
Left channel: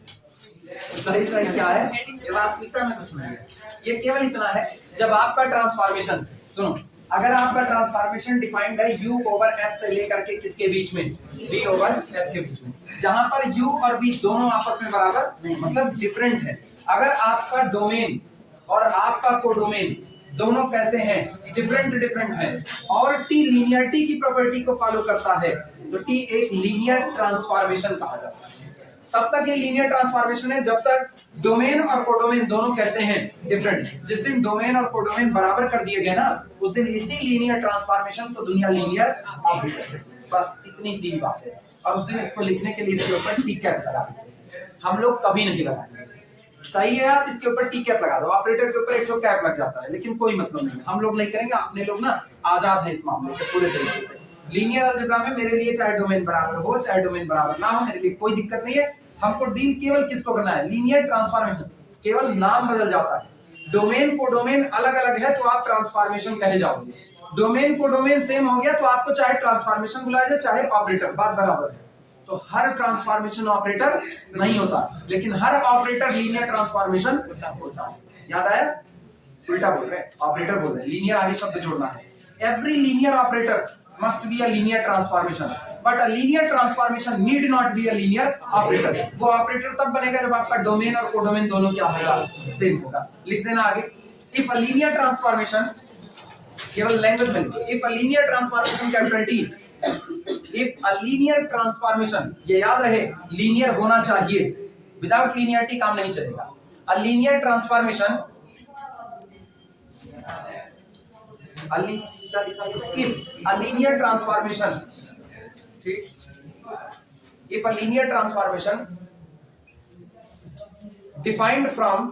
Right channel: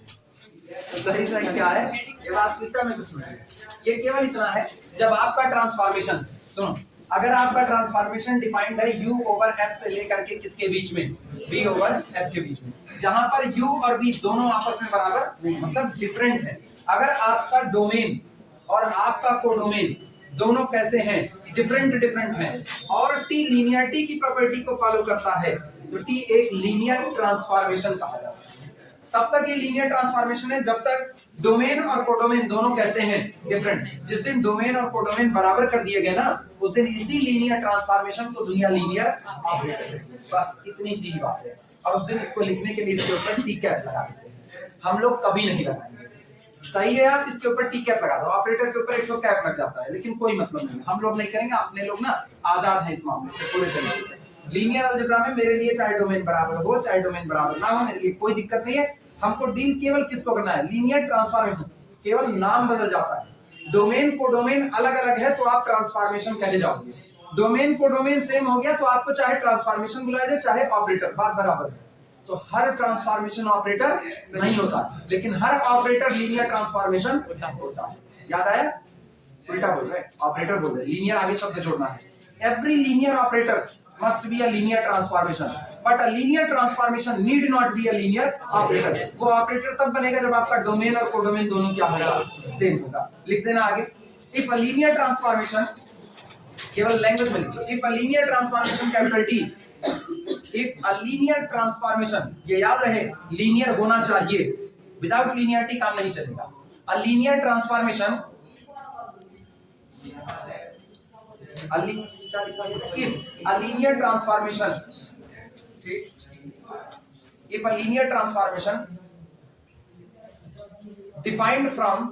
सही सही क्या है, ये वास्तविकता में कुछ नहीं है। ये केवल इतना है, जब आपका ट्रांसफॉर्मेशन, सुनो, अगर आपका ट्रांसफॉर्मेशन डिफाइंड है u ओवर f से लेकर के किसके बीच में, b ओवर f के बीच में, जहां पर u और b दोनों आपस में बराबर नहीं, मतलब डिफरेंट है। अगर आपका डोमेन और आपका कोडोमेन दोनों कैसे हैं, डिफरेंट हैं, और t लीनियरिटी की प्रॉपर्टी को फॉलो करता है, तो t एक लीनियर ट्रांसफॉर्मेशन कहा जाता है। तब तक ये लीनियर ट्रांसफॉर्मेशन है जब तक डोमेन और कोडोमेन दोनों कैसे हैं, डिफरेंट। जिस दिन डोमेन और कोडोमेन बराबर कर दिए गए ना, उस दिन इसी लीनियर ट्रांसफॉर्मेशन को दुनिया लीनियर ऑपरेटर कहती है। बस इतनी सी बात है, और उस दिन इसको लिखने के लिए इसके ऊपर टी कैप लगा देते हैं। हम लोग कभी नहीं लगाएंगे, सही है, आप इसके ऊपर टी कैप लगा दो, ऑपरेटर के ऊपर एक तो कैप लग जाता है, लेकिन कोई मतलब नहीं, हम लोग नहीं करेंगे। अपने लोग ना आजाद हैं इस मामले से पूरे तरीके से। लीनियर अलजेब्रा में मेरे लिए चाहे डोमेन बराबर हो चाहे डोमेन बराबर ना हो, मेरे लिए कोई दिक्कत नहीं है। हमको डील केवल किसको करना है, लीनियर ट्रांसफॉर्मेशन, केवल नाम बदल जाता है। डोमेन को डोमेन अलग अलग है तो आप ट्रांसफॉर्मेशन कहे जाओगे, डोमेन को डोमेन सेम हो गया तो आपको चाहे ट्रांसफॉर्मेशन बुलाया जाए चाहे ऑपरेटर, बात बराबर है। तो हर ट्रांसफॉर्मेशन ऑपरेटर नहीं होता, लेकिन हर ऑपरेटर लीनियर ट्रांसफॉर्मेशन होता है। याद आया? उल्टा बोल रहे, ऑपरेटर बोल रहे, लीनियर आगे शब्द जोड़ना है। Every linear operator must be a linear transformation, but a linear transformation need not be a linear operator. वो ऑपरेटर तब बनेगा जब आपका डोमेन और कोडोमेन दोनों क्या होगा, सेम होगा। लिख देना आगे, if a linear transformation, केवल लैंग्वेज में लिखो, if a linear transformation capital T, if a linear transformation, ये याद रहे लीनियर होना चाहिए, विदाउट लीनियरिटी काम नहीं चलेगा। A linear transformation, if a linear transformation, if a linear transformation defined from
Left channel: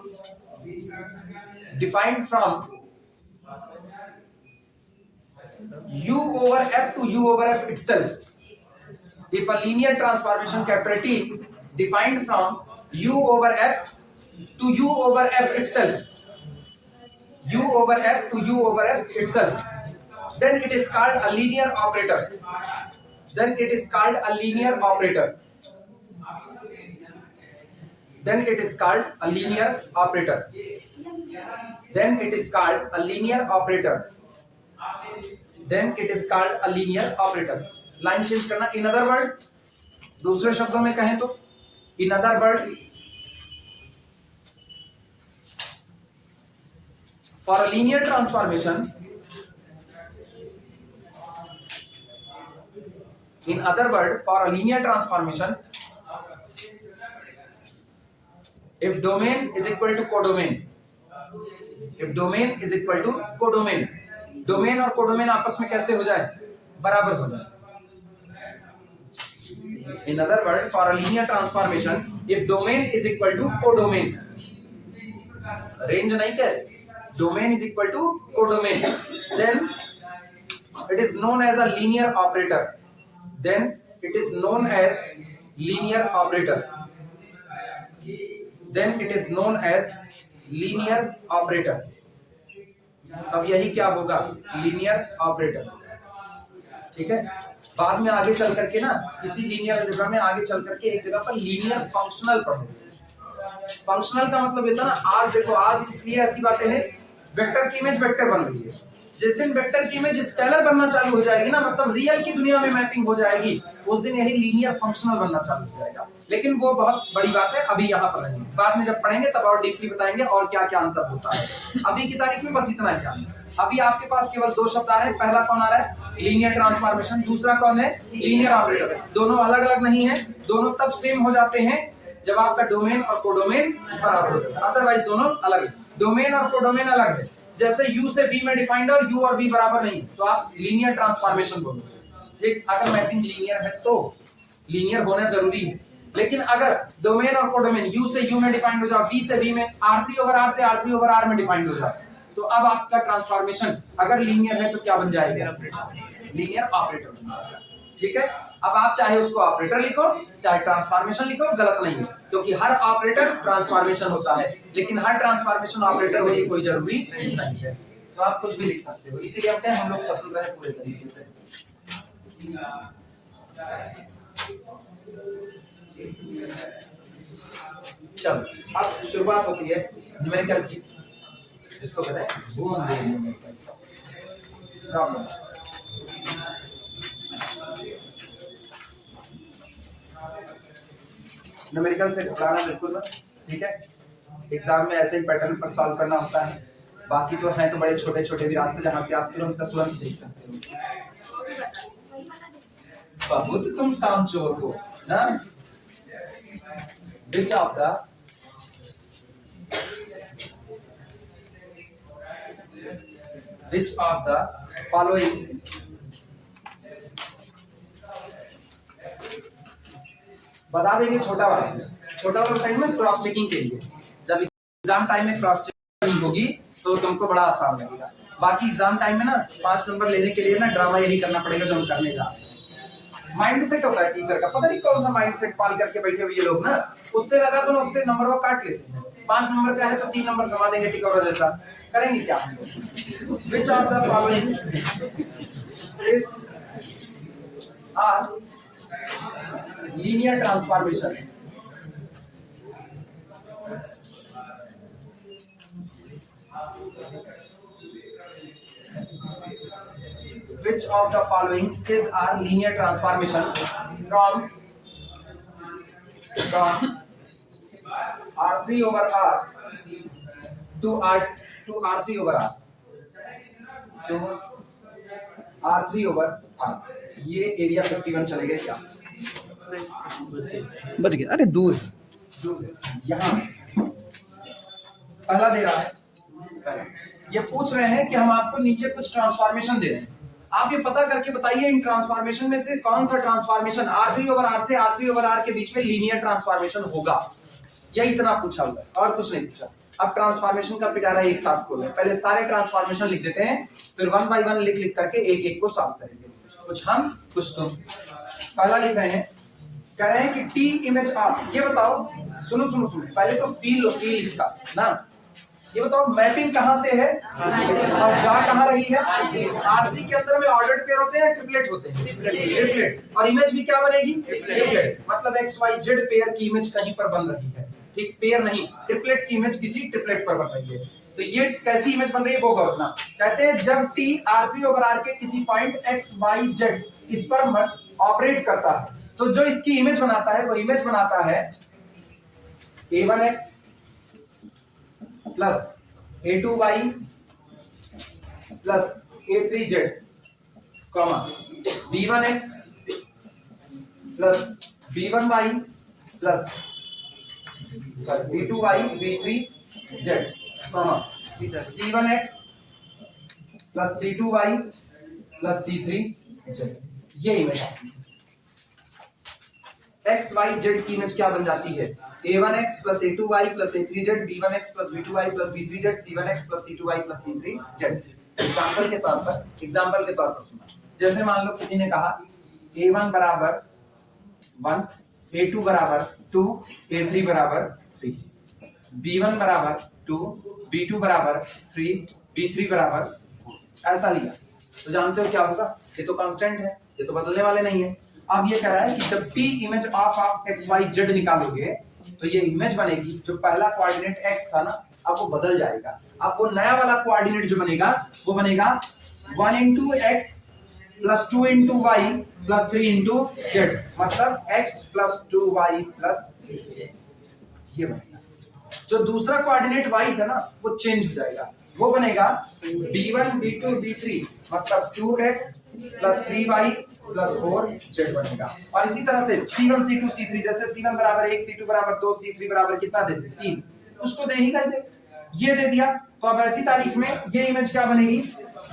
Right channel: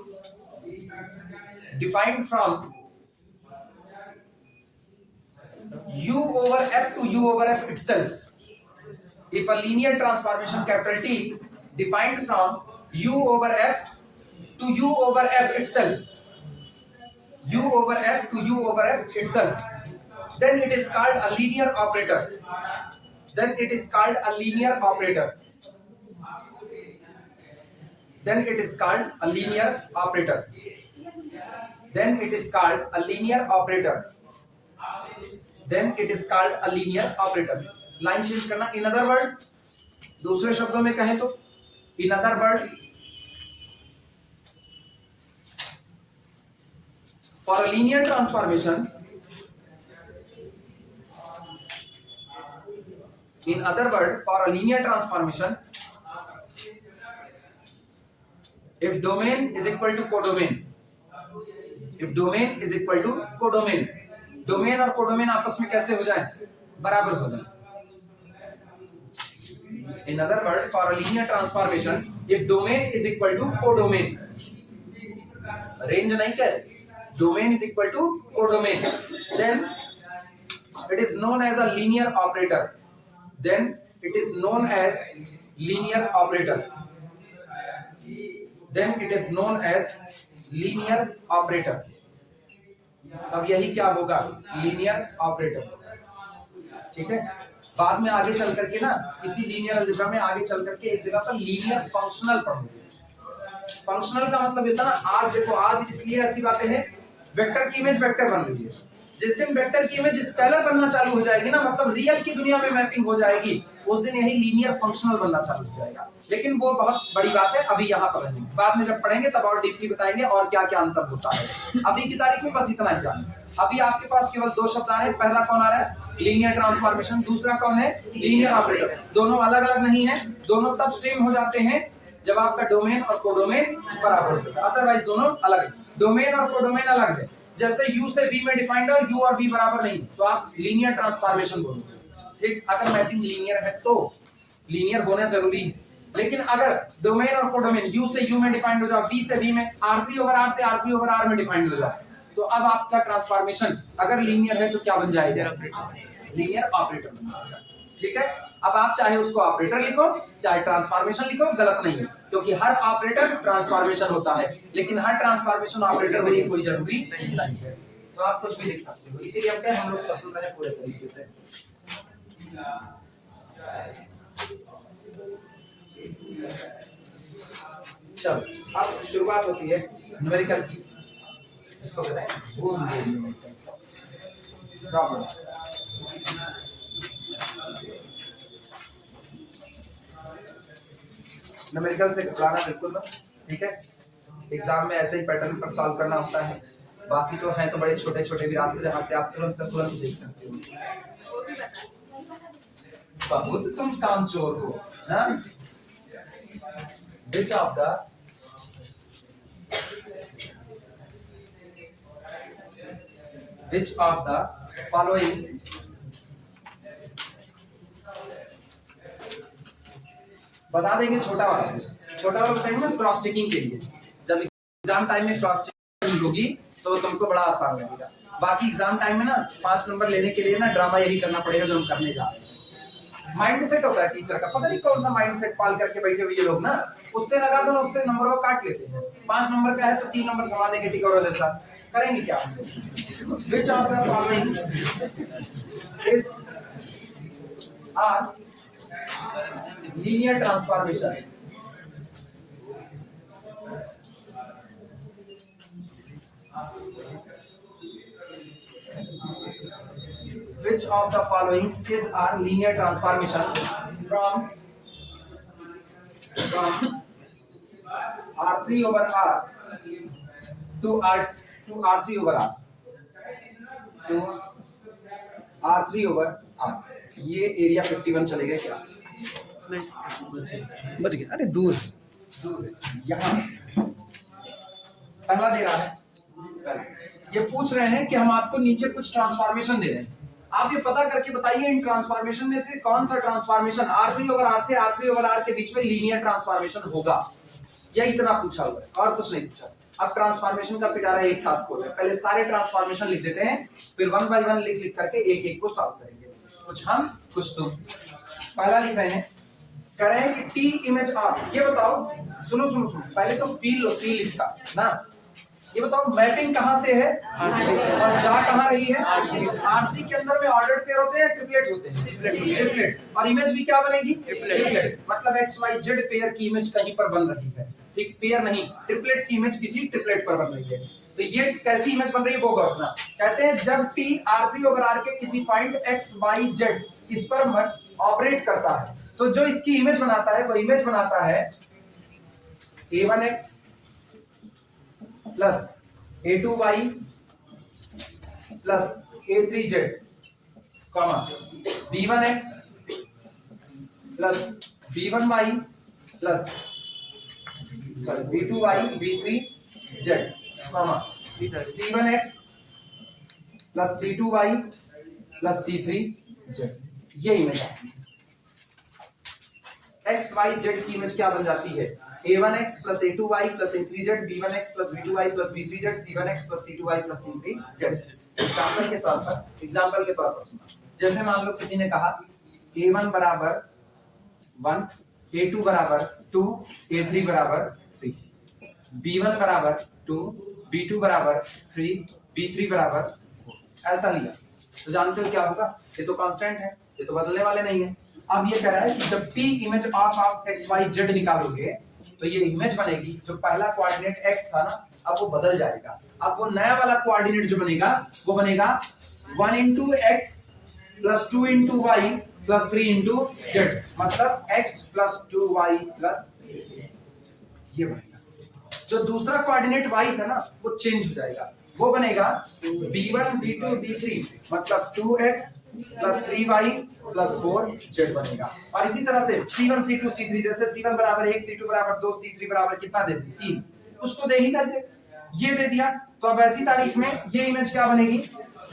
u over f to u over f itself, if a linear transformation capital T defined from u over f to u over f itself, u over f to u over f itself, then it is called a linear operator. Then it is called a linear operator. Then it is called a linear operator. Then it is called a linear operator. Then it is called a linear operator. Line change करना, in other word, दूसरे शब्दों में कहें तो in other word, for a linear transformation, in other word, for a linear transformation, if domain is equal to codomain, if domain is equal to codomain, domain और कोडोमेन आपस में कैसे हो जाए, बराबर हो जाए। In other word, for a linear transformation, if domain is equal to codomain, range नहीं कह, domain is equal to codomain, then it is known as a linear operator. Then it is known as linear operator. Then it is known as linear operator. तब यही क्या होगा, लीनियर ऑपरेटर। ठीक है, बाद में आगे चल करके ना, इसी लीनियर अलजेब्रा में आगे चल करके एक जगह पर लीनियर फंक्शनल पढ़ोगे। फंक्शनल का मतलब ये था ना, आज देखो आज इसलिए ऐसी बातें हैं, वेक्टर की इमेज वेक्टर बन रही है, जिस दिन वेक्टर की इमेज स्केलर बनना चालू हो जाएगी ना, मतलब रियल की दुनिया में मैपिंग हो जाएगी, उस दिन यही लीनियर फंक्शनल बनना चालू हो जाएगा। लेकिन वो बहुत बड़ी बात है, अभी यहाँ पर नहीं, बाद में जब पढ़ेंगे तब और डीपली बताएंगे और क्या क्या अंतर होता है। अभी की तारीख में बस इतना ही जान। अभी आपके पास केवल दो शब्द आ रहे हैं, पहला कौन आ रहा है, लीनियर ट्रांसफॉर्मेशन, दूसरा कौन है, लीनियर ऑपरेटर। दोनों अलग अलग नहीं है, दोनों तब सेम हो जाते हैं जब आपका डोमेन और कोडोमेन बराबर हो जाता है, अदरवाइज दोनों अलग है। डोमेन और कोडोमेन अलग है, जैसे यू से बी में डिफाइंड है और यू और बी बराबर नहीं, तो आप लीनियर ट्रांसफॉर्मेशन बोलोगे। ठीक, अगर मैपिंग लीनियर है तो लीनियर होना जरूरी है, लेकिन अगर डोमेन और कोडोमेन यू से यू में डिफाइंड हो जाए, बी से बी में, R3 ओवर R से R3 ओवर R में डिफाइंड हो जाए, तो अब आपका ट्रांसफॉर्मेशन अगर लीनियर है तो क्या बन जाएगा, लीनियर ऑपरेटर बन जाएगा। ठीक है, अब आप चाहे उसको ऑपरेटर लिखो चाहे ट्रांसफॉर्मेशन लिखो, गलत नहीं है, क्योंकि हर ऑपरेटर ट्रांसफॉर्मेशन होता है, लेकिन हर ट्रांसफॉर्मेशन ऑपरेटर हो ये कोई जरूरी नहीं है। तो आप कुछ भी लिख सकते हो, इसीलिए हम कहते हैं हम लोग स्वतंत्र हैं पूरे तरीके से। चलो अब शुरुआत होती है न्यूमेरिकल की, जिसको कहते हैं बूम प्रॉब्लम। न्यूमेरिकल से घबराना बिल्कुल ना, ठीक है, एग्जाम में ऐसे ही पैटर्न पर सॉल्व करना होता है, बाकी तो हैं तो बड़े छोटे छोटे भी रास्ते जहां से आप तुरंत का तुरंत देख सकते हो। बहुत तुम काम चोर हो ना। Which of the following बता देंगे, छोटा वाला बताएंगे ना क्रॉस चेकिंग के लिए, जब एग्जाम टाइम में क्रॉस चेकिंग नहीं होगी तो तुमको बड़ा आसान लगेगा। बाकी एग्जाम टाइम में ना 5 नंबर लेने के लिए ना ड्रामा यही करना पड़ेगा जो हम करने जा रहे हैं। माइंड सेट होता है टीचर का, पता नहीं कौन सा माइंड सेट पाल करके बैठे हुए ये लोग ना, उससे लगा दो ना, उससे नंबर वो काट लेते हैं। 5 नंबर का है तो 3 नंबर कमा देंगे, टिकोरा जैसा करेंगे क्या। Which of the following is linear transformation? Which of the following is our linear transformation from R3 over R to R3 over R to R3 over R? ये एरिया 51 चलेगा क्या? बच गया, अरे दूर है, यहाँ पहला दे रहा है, पहला ये पूछ रहे हैं कि हम आपको नीचे कुछ ट्रांसफॉर्मेशन दे रहे हैं, आप ये पता करके बताइए इन ट्रांसफॉर्मेशन में से कौन सा ट्रांसफॉर्मेशन R3 ओवर R से R3 ओवर R के बीच में लीनियर ट्रांसफॉर्मेशन होगा। यही इतना पूछा हुआ है और कुछ नहीं पूछा। अब ट्रांसफॉर्मेशन का पिटारा एक साथ खोल रहे हैं, पहले सारे ट्रांसफॉर्मेशन लिख देते हैं, फिर 1 बाय 1 लिख करके एक एक को सॉल्व करेंगे, कुछ हम कुछ तुम। पहला लिख रहे हैं, कह रहे हैं कि टी इमेज ऑफ, ये बताओ, सुनो पहले तो फील इसका ना, ये बताओ मैपिंग कहां से है और जा कहां रही है। R3 के अंदर में ऑर्डर्ड पेयर होते हैं, ट्रिपलेट होते हैं, ट्रिपलेट, और इमेज भी क्या बनेगी, ट्रिपलेट, मतलब XYZ पेयर की इमेज कहीं पर बन रही है। ठीक, पेयर नहीं, ट्रिपलेट की इमेज किसी ट्रिपलेट पर बन रही है। तो ये कैसी इमेज बन रही है वो गौर करना। कहते हैं जब T R3 ओवर R के किसी पॉइंट XYZ इस पर ऑपरेट करता है, तो जो इसकी इमेज बनाता है वो इमेज बनाता है A1X plus A2Y plus A3Z, comma B1X plus B1Y plus B2Y B3Z, comma C1X plus C2Y plus C3Z। ये इमेज आती है। XYZ की इमेज क्या बन जाती है, A1X plus A2Y plus A3Z, B1X plus B2Y plus B3Z, C1X plus C2Y plus C3Z। Example के तौर पर सुना, जैसे मान लो किसी ने कहा A1 बराबर 1, A2 बराबर 2, A3 बराबर 3, B1 बराबर 2, B2 बराबर 3, B3 बराबर 4, ऐसा लिया, तो जानते हो क्या होगा, ये तो कांस्टेंट है, ये तो बदलने वाले नहीं है। अब ये कह रहा है कि जब T इमेज ऑफ XYZ निकालोगे तो ये इमेज बनेगी, जो पहला कोऑर्डिनेट x था ना, अब वो बदल जाएगा। अब वो नया वाला कोऑर्डिनेट जो बनेगा वो बनेगा 1 into x plus 2 into y plus 3 into z, मतलब x plus 2y plus ये बनेगा। जो दूसरा कोऑर्डिनेट y था ना वो चेंज हो जाएगा, वो बनेगा b1 b2 b3, मतलब 2x plus 3y plus 4z बनेगा। और इसी तरह से c1 c2 c3, जैसे c1 बराबर 1, c2 बराबर 2, c3 बराबर कितना दे दे 3, कुछ तो दे ही कर दे, ये दे दिया। तो अब ऐसी तारीख में ये इमेज क्या बनेगी,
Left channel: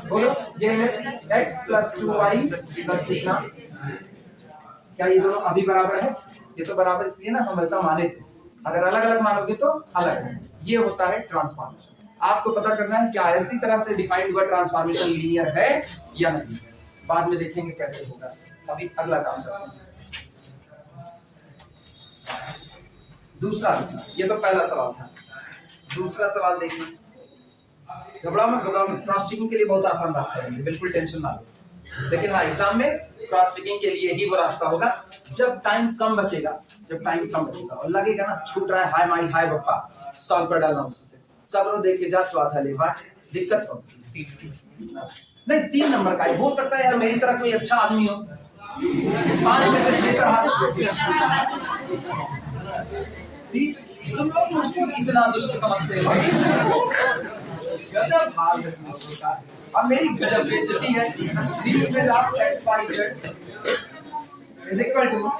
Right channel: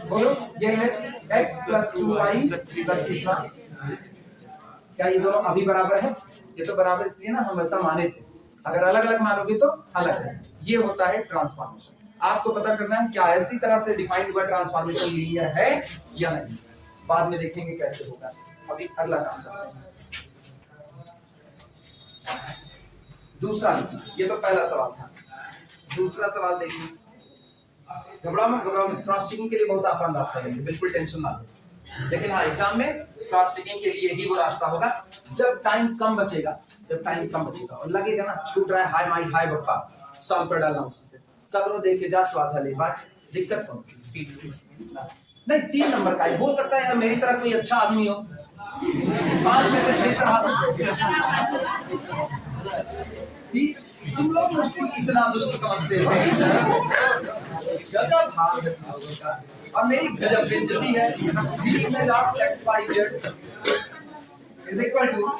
बोलो, ये image x plus 2y plus कितना, क्या ये दोनों अभी बराबर है? ये तो बराबर इसलिए ना हम ऐसा माने थे, अगर अलग अलग मानोगे तो अलग है। ये होता है ट्रांसफॉर्मेशन। आपको पता करना है क्या ऐसी तरह से डिफाइंड हुआ ट्रांसफॉर्मेशन लीनियर है या नहीं, बाद में देखेंगे कैसे होगा। अभी अगला काम करते हैं, दूसरा। ये तो पहला सवाल था, दूसरा सवाल देखिए। घबराओ मत, क्रॉस चेकिंग के लिए बहुत आसान रास्ता है, बिल्कुल टेंशन ना लो। लेकिन हाँ, एग्जाम में क्रॉस चेकिंग के लिए ही वो रास्ता होगा जब टाइम कम बचेगा, और लगेगा ना छूट रहा है, हाय माई हाय बप्पा, सॉल्व कर डालना उससे। सब देखे जा तो आधा ले बाट, दिक्कत कौन सी? नहीं, 3 नंबर का हो सकता है यार, मेरी तरह कोई अच्छा आदमी हो 5 में से 6 चढ़ा दे। तुम लोग मुझको इतना दुष्ट समझते हो, गजब हाल है तुम लोगों का। अब मेरी गजब बेइज्जती है। d image of x y z is equal to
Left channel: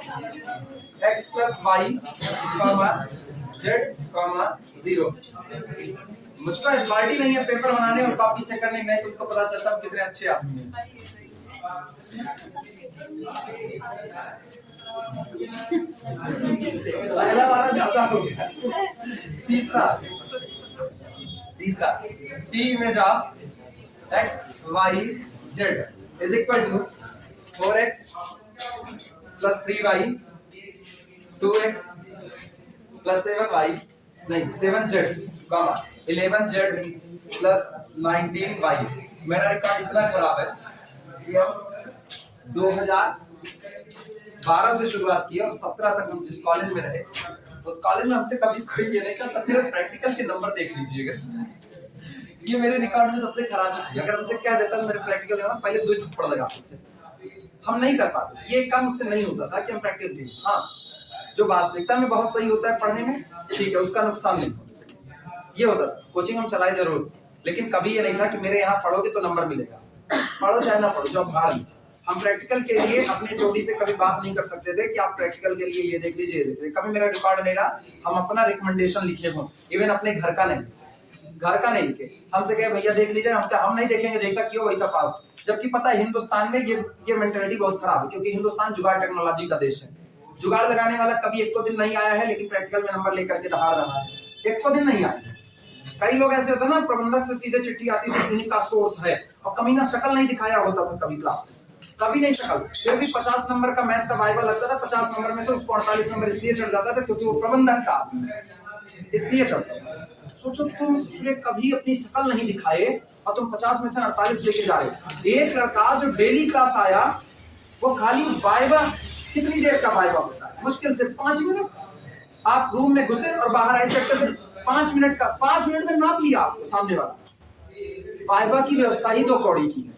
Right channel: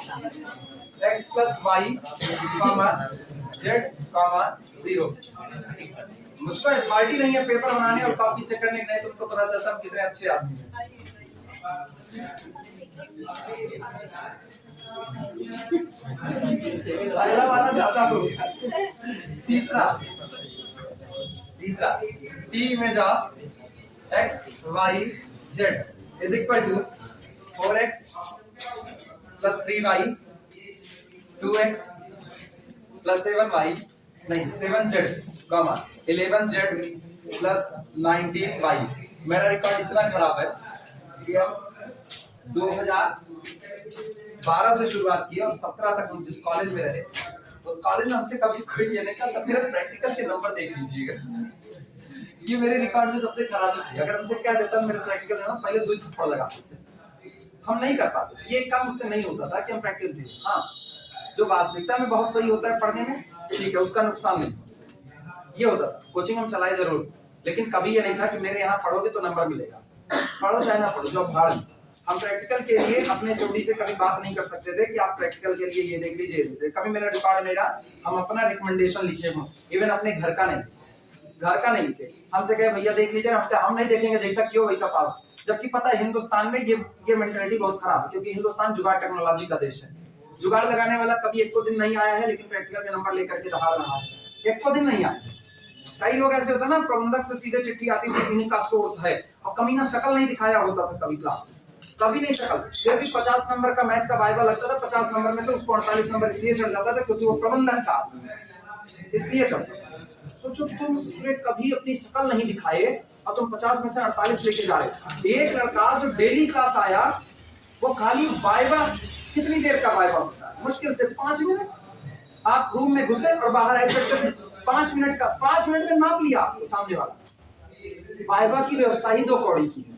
x plus y comma z comma 0। मुझको अथॉरिटी नहीं है पेपर बनाने और कॉपी चेक करने, नहीं तुमको पता चलता कितने अच्छे आदमी हैं। पहला वाला ज्यादा हो गया। तीसरा t image of x y z is equal to 4x plus 3y 2x plus 7y नहीं 7z comma 11z plus 19y। मेरा रिकॉर्ड इतना खराब है कि हम 2012 से शुरुआत की और 17 तक हम जिस कॉलेज में रहे उस कॉलेज में हमसे कभी कोई ये नहीं कहा, मेरे प्रैक्टिकल के नंबर देख लीजिएगा। ये मेरे रिकॉर्ड में सबसे खराबी थी। अगर हमसे क्या देता मेरे प्रैक्टिकल में पहले 2 थप्पड़ लगाते थे, हम नहीं कर पाते। ये काम उससे नहीं होता था कि हम प्रैक्टिकल थे। हाँ, जो वास्तविकता में बहुत सही होता है पढ़ने में, ठीक है, उसका नुकसान नहीं ये होता। कोचिंग हम चलाए जरूर, लेकिन कभी ये नहीं था कि मेरे यहाँ पढ़ोगे तो नंबर मिलेगा, पढ़ो चाहे ना पढ़ो, जो भाड़। हम प्रैक्टिकल के लिए अपने चोटी से कभी बात नहीं कर सकते थे कि आप प्रैक्टिकल के लिए ये देख लीजिए। कभी मेरा रिकॉर्ड नहीं रहा हम अपना रिकमेंडेशन लिखे हो, इवन अपने घर का नहीं लिखे, हमसे कहे भैया देख लीजिए, हम नहीं देखेंगे, जैसा किया वैसा पाओ। जबकि पता है हिंदुस्तान में ये मेंटालिटी बहुत खराब है, क्योंकि हिंदुस्तान जुगाड़ टेक्नोलॉजी का देश है। जुगाड़ लगाने वाला कभी एक दिन नहीं आया है, लेकिन प्रैक्टिकल में नंबर लेकर के दहाड़ रहा है। एक दिन नहीं आया। कई लोग ऐसे होते हैं ना, प्रबंधक से सीधे चिट्ठी आती थी, इनका सोर्स है, और कमीना शक्ल नहीं दिखाया होता था कभी क्लास में, कभी नहीं शक्ल। फिर भी 50 नंबर का मैथ का वाइवा लगता था, 50 नंबर में से उसको 48 नंबर इसलिए चढ़ जाता था क्योंकि वो प्रबंधक का आदमी है, इसलिए चढ़ता था। सोचो तुम कभी अपनी शक्ल नहीं दिखाए और तुम 50 में से 48 लेके जा रहे। एक लड़का जो डेली क्लास आया, वो खाली वाइवा, कितनी देर का वाइवा होता है, मुश्किल से 5 मिनट। आप रूम में घुसे और बाहर आए चक्कर से 5 मिनट का, 5 मिनट में नाप लिया आपको सामने वाला। वाइवा की व्यवस्था ही 2 कौड़ी की है।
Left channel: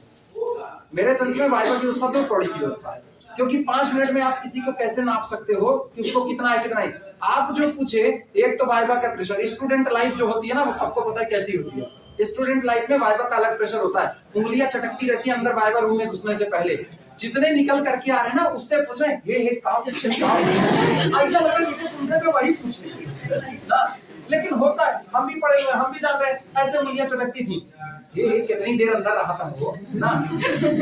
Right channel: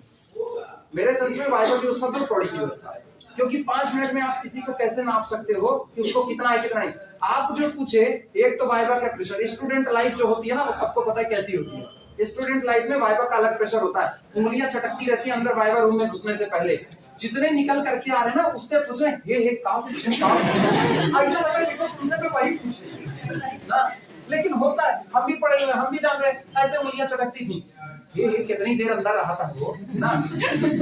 मेरे सेंस में वाइवा की व्यवस्था 2 कौड़ी की व्यवस्था है, क्योंकि 5 मिनट में आप किसी को कैसे नाप सकते हो कि उसको कितना है कितना नहीं। आप जो पूछे, एक तो वाइवा का प्रेशर, स्टूडेंट लाइफ जो होती है ना, वो सबको पता है कैसी होती है। स्टूडेंट लाइफ में वाइवा का अलग प्रेशर होता है, उंगलियां चटकती रहती है अंदर वाइवा रूम में घुसने से पहले। जितने निकल करके आ रहे हैं ना, उससे पूछे हे काम ऐसा लगा जैसे तुमसे मैं वही पूछे ना। लेकिन होता है, हम भी पढ़े हुए, हम भी जान रहे हैं, ऐसे उंगलियां चटकती थी। ये कितनी देर अंदर रहा था वो ना,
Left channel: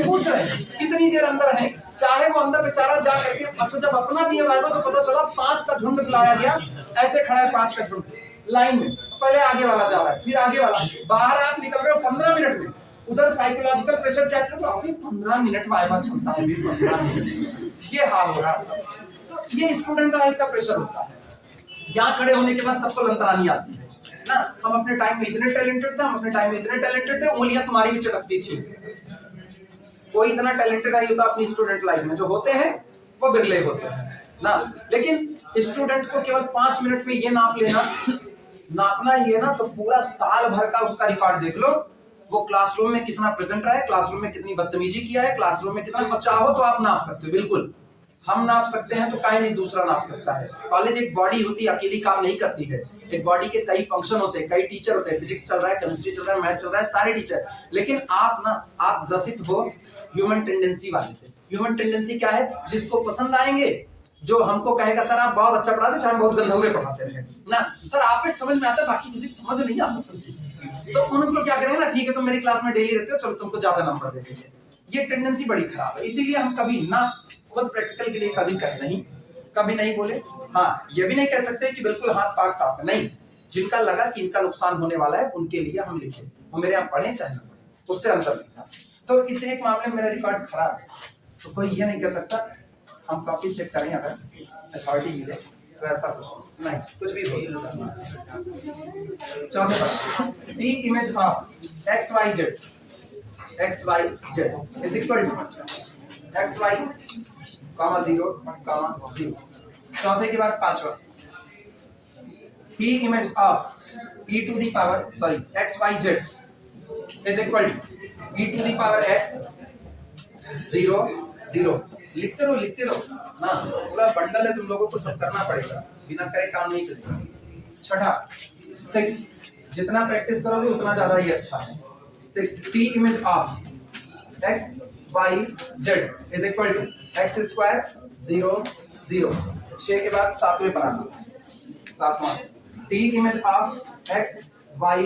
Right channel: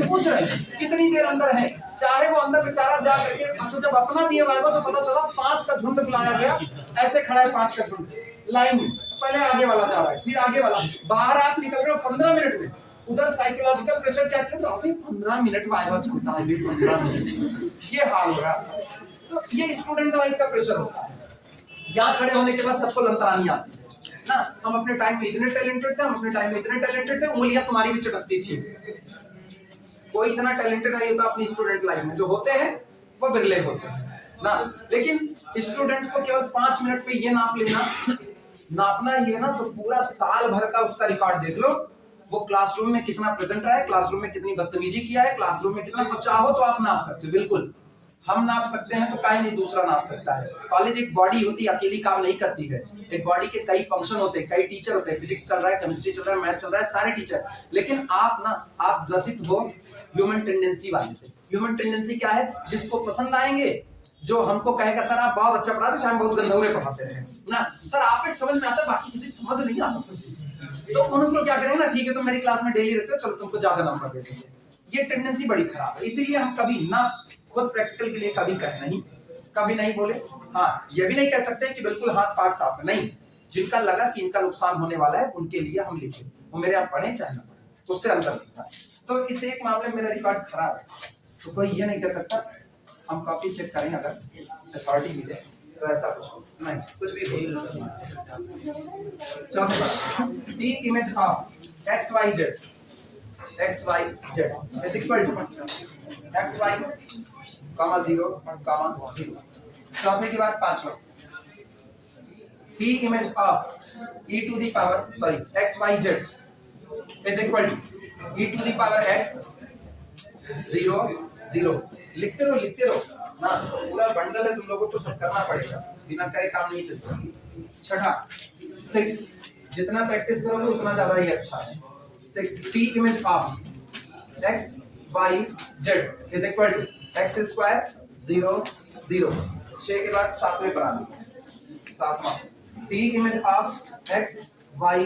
पूछ रहे हैं कितनी देर अंदर है, चाहे वो अंदर बेचारा जा करके। अच्छा, जब अपना दिया वाइवा तो पता चला 5 का झुंड बुलाया गया, ऐसे खड़ा है 5 का झुंड लाइन में, पहले आगे वाला जा रहा है, फिर आगे वाला, बाहर आप निकल रहे हो 15 मिनट में। उधर साइकोलॉजिकल प्रेशर क्या करो, अभी 15 मिनट वाइवा चलता है, 15 मिनट, ये हाल हो रहा है। तो ये स्टूडेंट लाइफ का प्रेशर होता है। यहाँ खड़े होने के बाद सबको लंतरानी आती है ना, हम अपने टाइम में इतने टैलेंटेड थे, उंगलियां तुम्हारी भी चटकती थी। कोई इतना टैलेंटेड नहीं होता अपनी स्टूडेंट लाइफ में, जो होते हैं वो बिरले होते हैं। ना। लेकिन स्टूडेंट को केवल 5 मिनट में ये नाप लेना, नापना ही है ना, तो पूरा साल भर का उसका रिकॉर्ड देख लो, वो क्लासरूम में कितना प्रेजेंट रहा है, क्लासरूम में कितनी बदतमीजी किया है, क्लासरूम में कितना, चाहो तो आप नाप सकते हो, बिल्कुल हम नाप सकते हैं, तो काहे नहीं दूसरा नाप सकता है। कॉलेज एक बॉडी होती है, अकेली काम नहीं करती है, एक बॉडी के कई फंक्शन होते हैं, कई टीचर होते हैं, फिजिक्स चल रहा है, केमिस्ट्री चल रहा है, मैथ चल रहा है, सारे टीचर। लेकिन आप ग्रसित हो ह्यूमन टेंडेंसी वाले से। ह्यूमन टेंडेंसी क्या है? जिसको पसंद आएंगे, जो हमको कहेगा सर आप बहुत अच्छा पढ़ाते, चाहे हम बहुत गंधौरे पढ़ाते रहे ना, सर आपको समझ में आता है, बाकी किसी को समझ नहीं आता सर, तो उनको क्या करेंगे ना, ठीक है तुम मेरी क्लास में डेली रहते हो, चलो तुमको ज्यादा नंबर दे देंगे। ये टेंडेंसी बड़ी खराब है, इसीलिए हम कभी ना खुद प्रैक्टिकल के लिए कभी कभी नहीं बोले। हाँ, ये भी नहीं कह सकते कि बिल्कुल हाथ पाक साफ है, नहीं, जिनका लगा कि इनका नुकसान होने वाला है उनके लिए हम लिखे, वो मेरे आप पढ़े चाहे ना पढ़े, उससे अंतर नहीं था। तो इस एक मामले में मेरा रिकॉर्ड खराब है, तो कोई ये नहीं कह सकता। हम कॉपी चेक करें, अगर अथॉरिटी मिले तो ऐसा कुछ नहीं, कुछ भी हो सकता है। चौथे T image of X Y Z is equal to X Y comma 0 comma 0। चौथे के बाद पांचवा, P image of e to the power x y z is equal to e to the power x 0 0। लिखते रहो ना, पूरा बंडल है, तुम लोगों को सब करना पड़ेगा, बिना करे काम नहीं चलेगा। छठा 6, जितना प्रैक्टिस करोगे उतना ज्यादा ही अच्छा है। 6 P image of x y z is equal to x square 0 0। 6 के बाद सातवें पर आना, सातवां T image of x y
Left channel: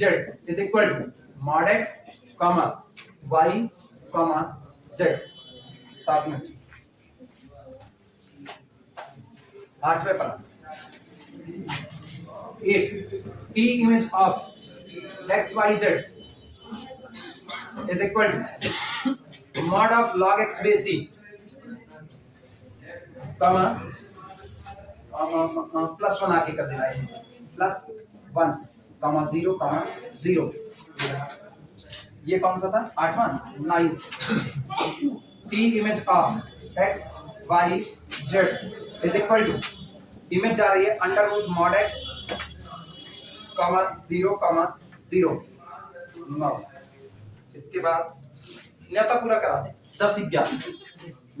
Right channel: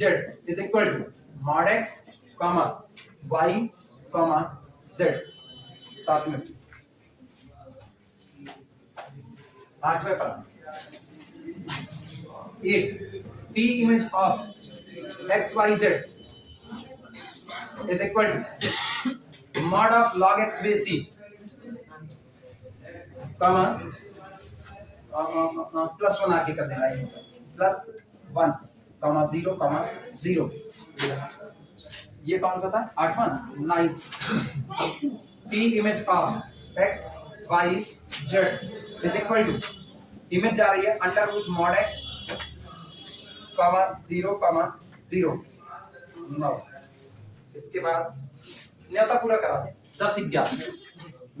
z is equal to mod x comma y comma z। सातवें, आठवें पर 8 T image of x y z is equal to mod of log x base c comma +1 आके कर देना है, +1 कॉमा 0 कॉमा 0। ये कौन सा था? 8वां 9 T image of x y z is equal to, image जा रही है under root mod x comma 0 comma 0 9। इसके बाद न्योता पूरा करा दे, 10 11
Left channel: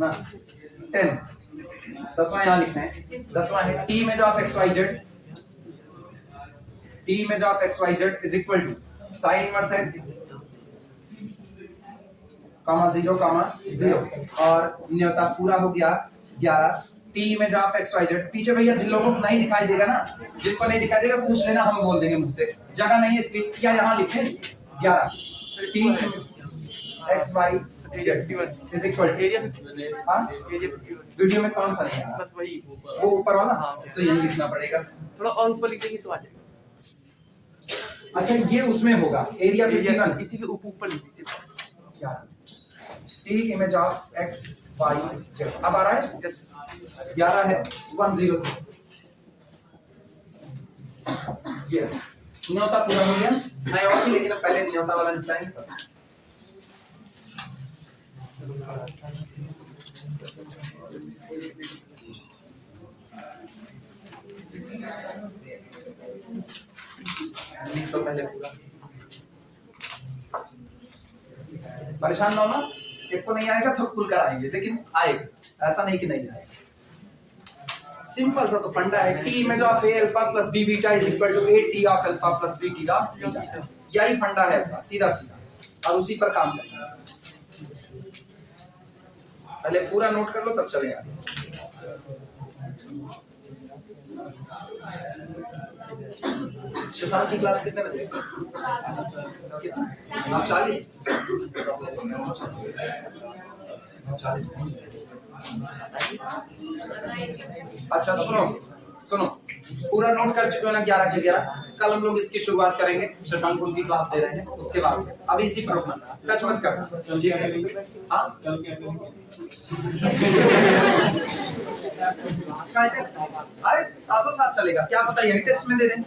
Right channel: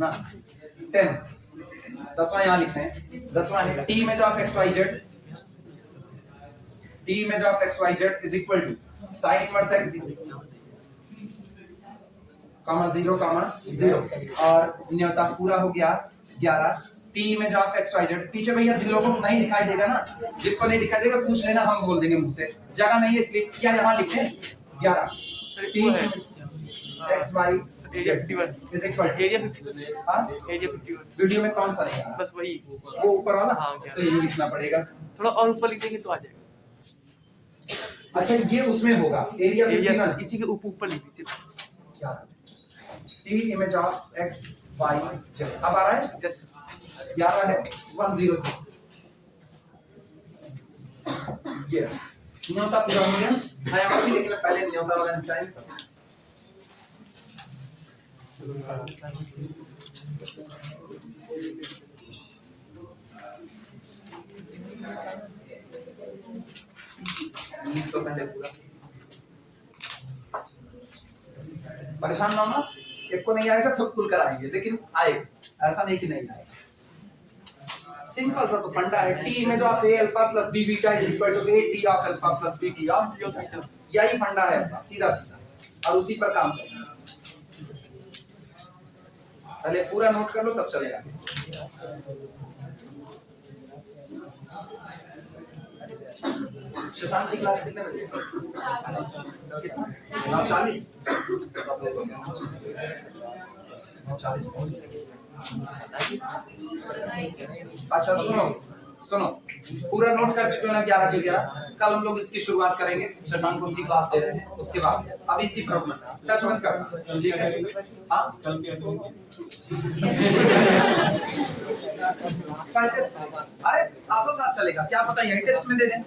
ना 10। 10वां यहाँ लिखते हैं, 10वां है T image of x y z, T image of x y z is equal to sine inverse x comma 0 comma 0। और न्योता पूरा हो गया 11 T image of x y z। पीछे भैया जिन लोगों को नहीं दिखाई देगा ना, जिनको नहीं दिखाई देगा पूछ लेना, हम बोल देंगे मुझसे, जगह नहीं है इसलिए क्या यहाँ लिखे 11 T x y is equal video में कौन सा नहीं आ रहा? बस वही वो ऊपर वाला, तो यही लिखना पड़ेगा। थोड़ा और ऊपर लिखेंगे तो आ जाएगा। अच्छा ये उसमें होगा एरिया 51, इसी के ऊपर लिख दीजिए क्या T image of x y z। अब आ रहा है 11 है 10 से, ये न्योता पूरा हो गया। मैं और भी, लेकिन पहले न्योता वाला निपटाएंगे। तो पहले पूरा परेशान मानो, एक को नहीं आएगा सब कुल कराएंगे, लेकिन आएगा, ऐसा नहीं कि नहीं आएगा। सिंपल सा तो फंडा है, T image of A alpha plus B beta is equal to A T of alpha plus B T of beta. यही फंडा है, सीधा सीधा, और उसी पर काम करेंगे। पहले पूरा नोट कर लो तब चलेगा। शशांक की क्लास कितने बजे? 9:40। 9:40 पहुंच गए। अच्छा सुनो, पूरा नोट कर चुके हो ना 11 के 11। कल हम लोग इसकी शुरुआत करेंगे, शशांक उनकी क्लास दे रहे हैं, उसके बाद अब इसी पर रुकना, टच मत करना। हाँ अरे साथों साथ चलेगा, क्या पता यही टेस्ट में दे दें।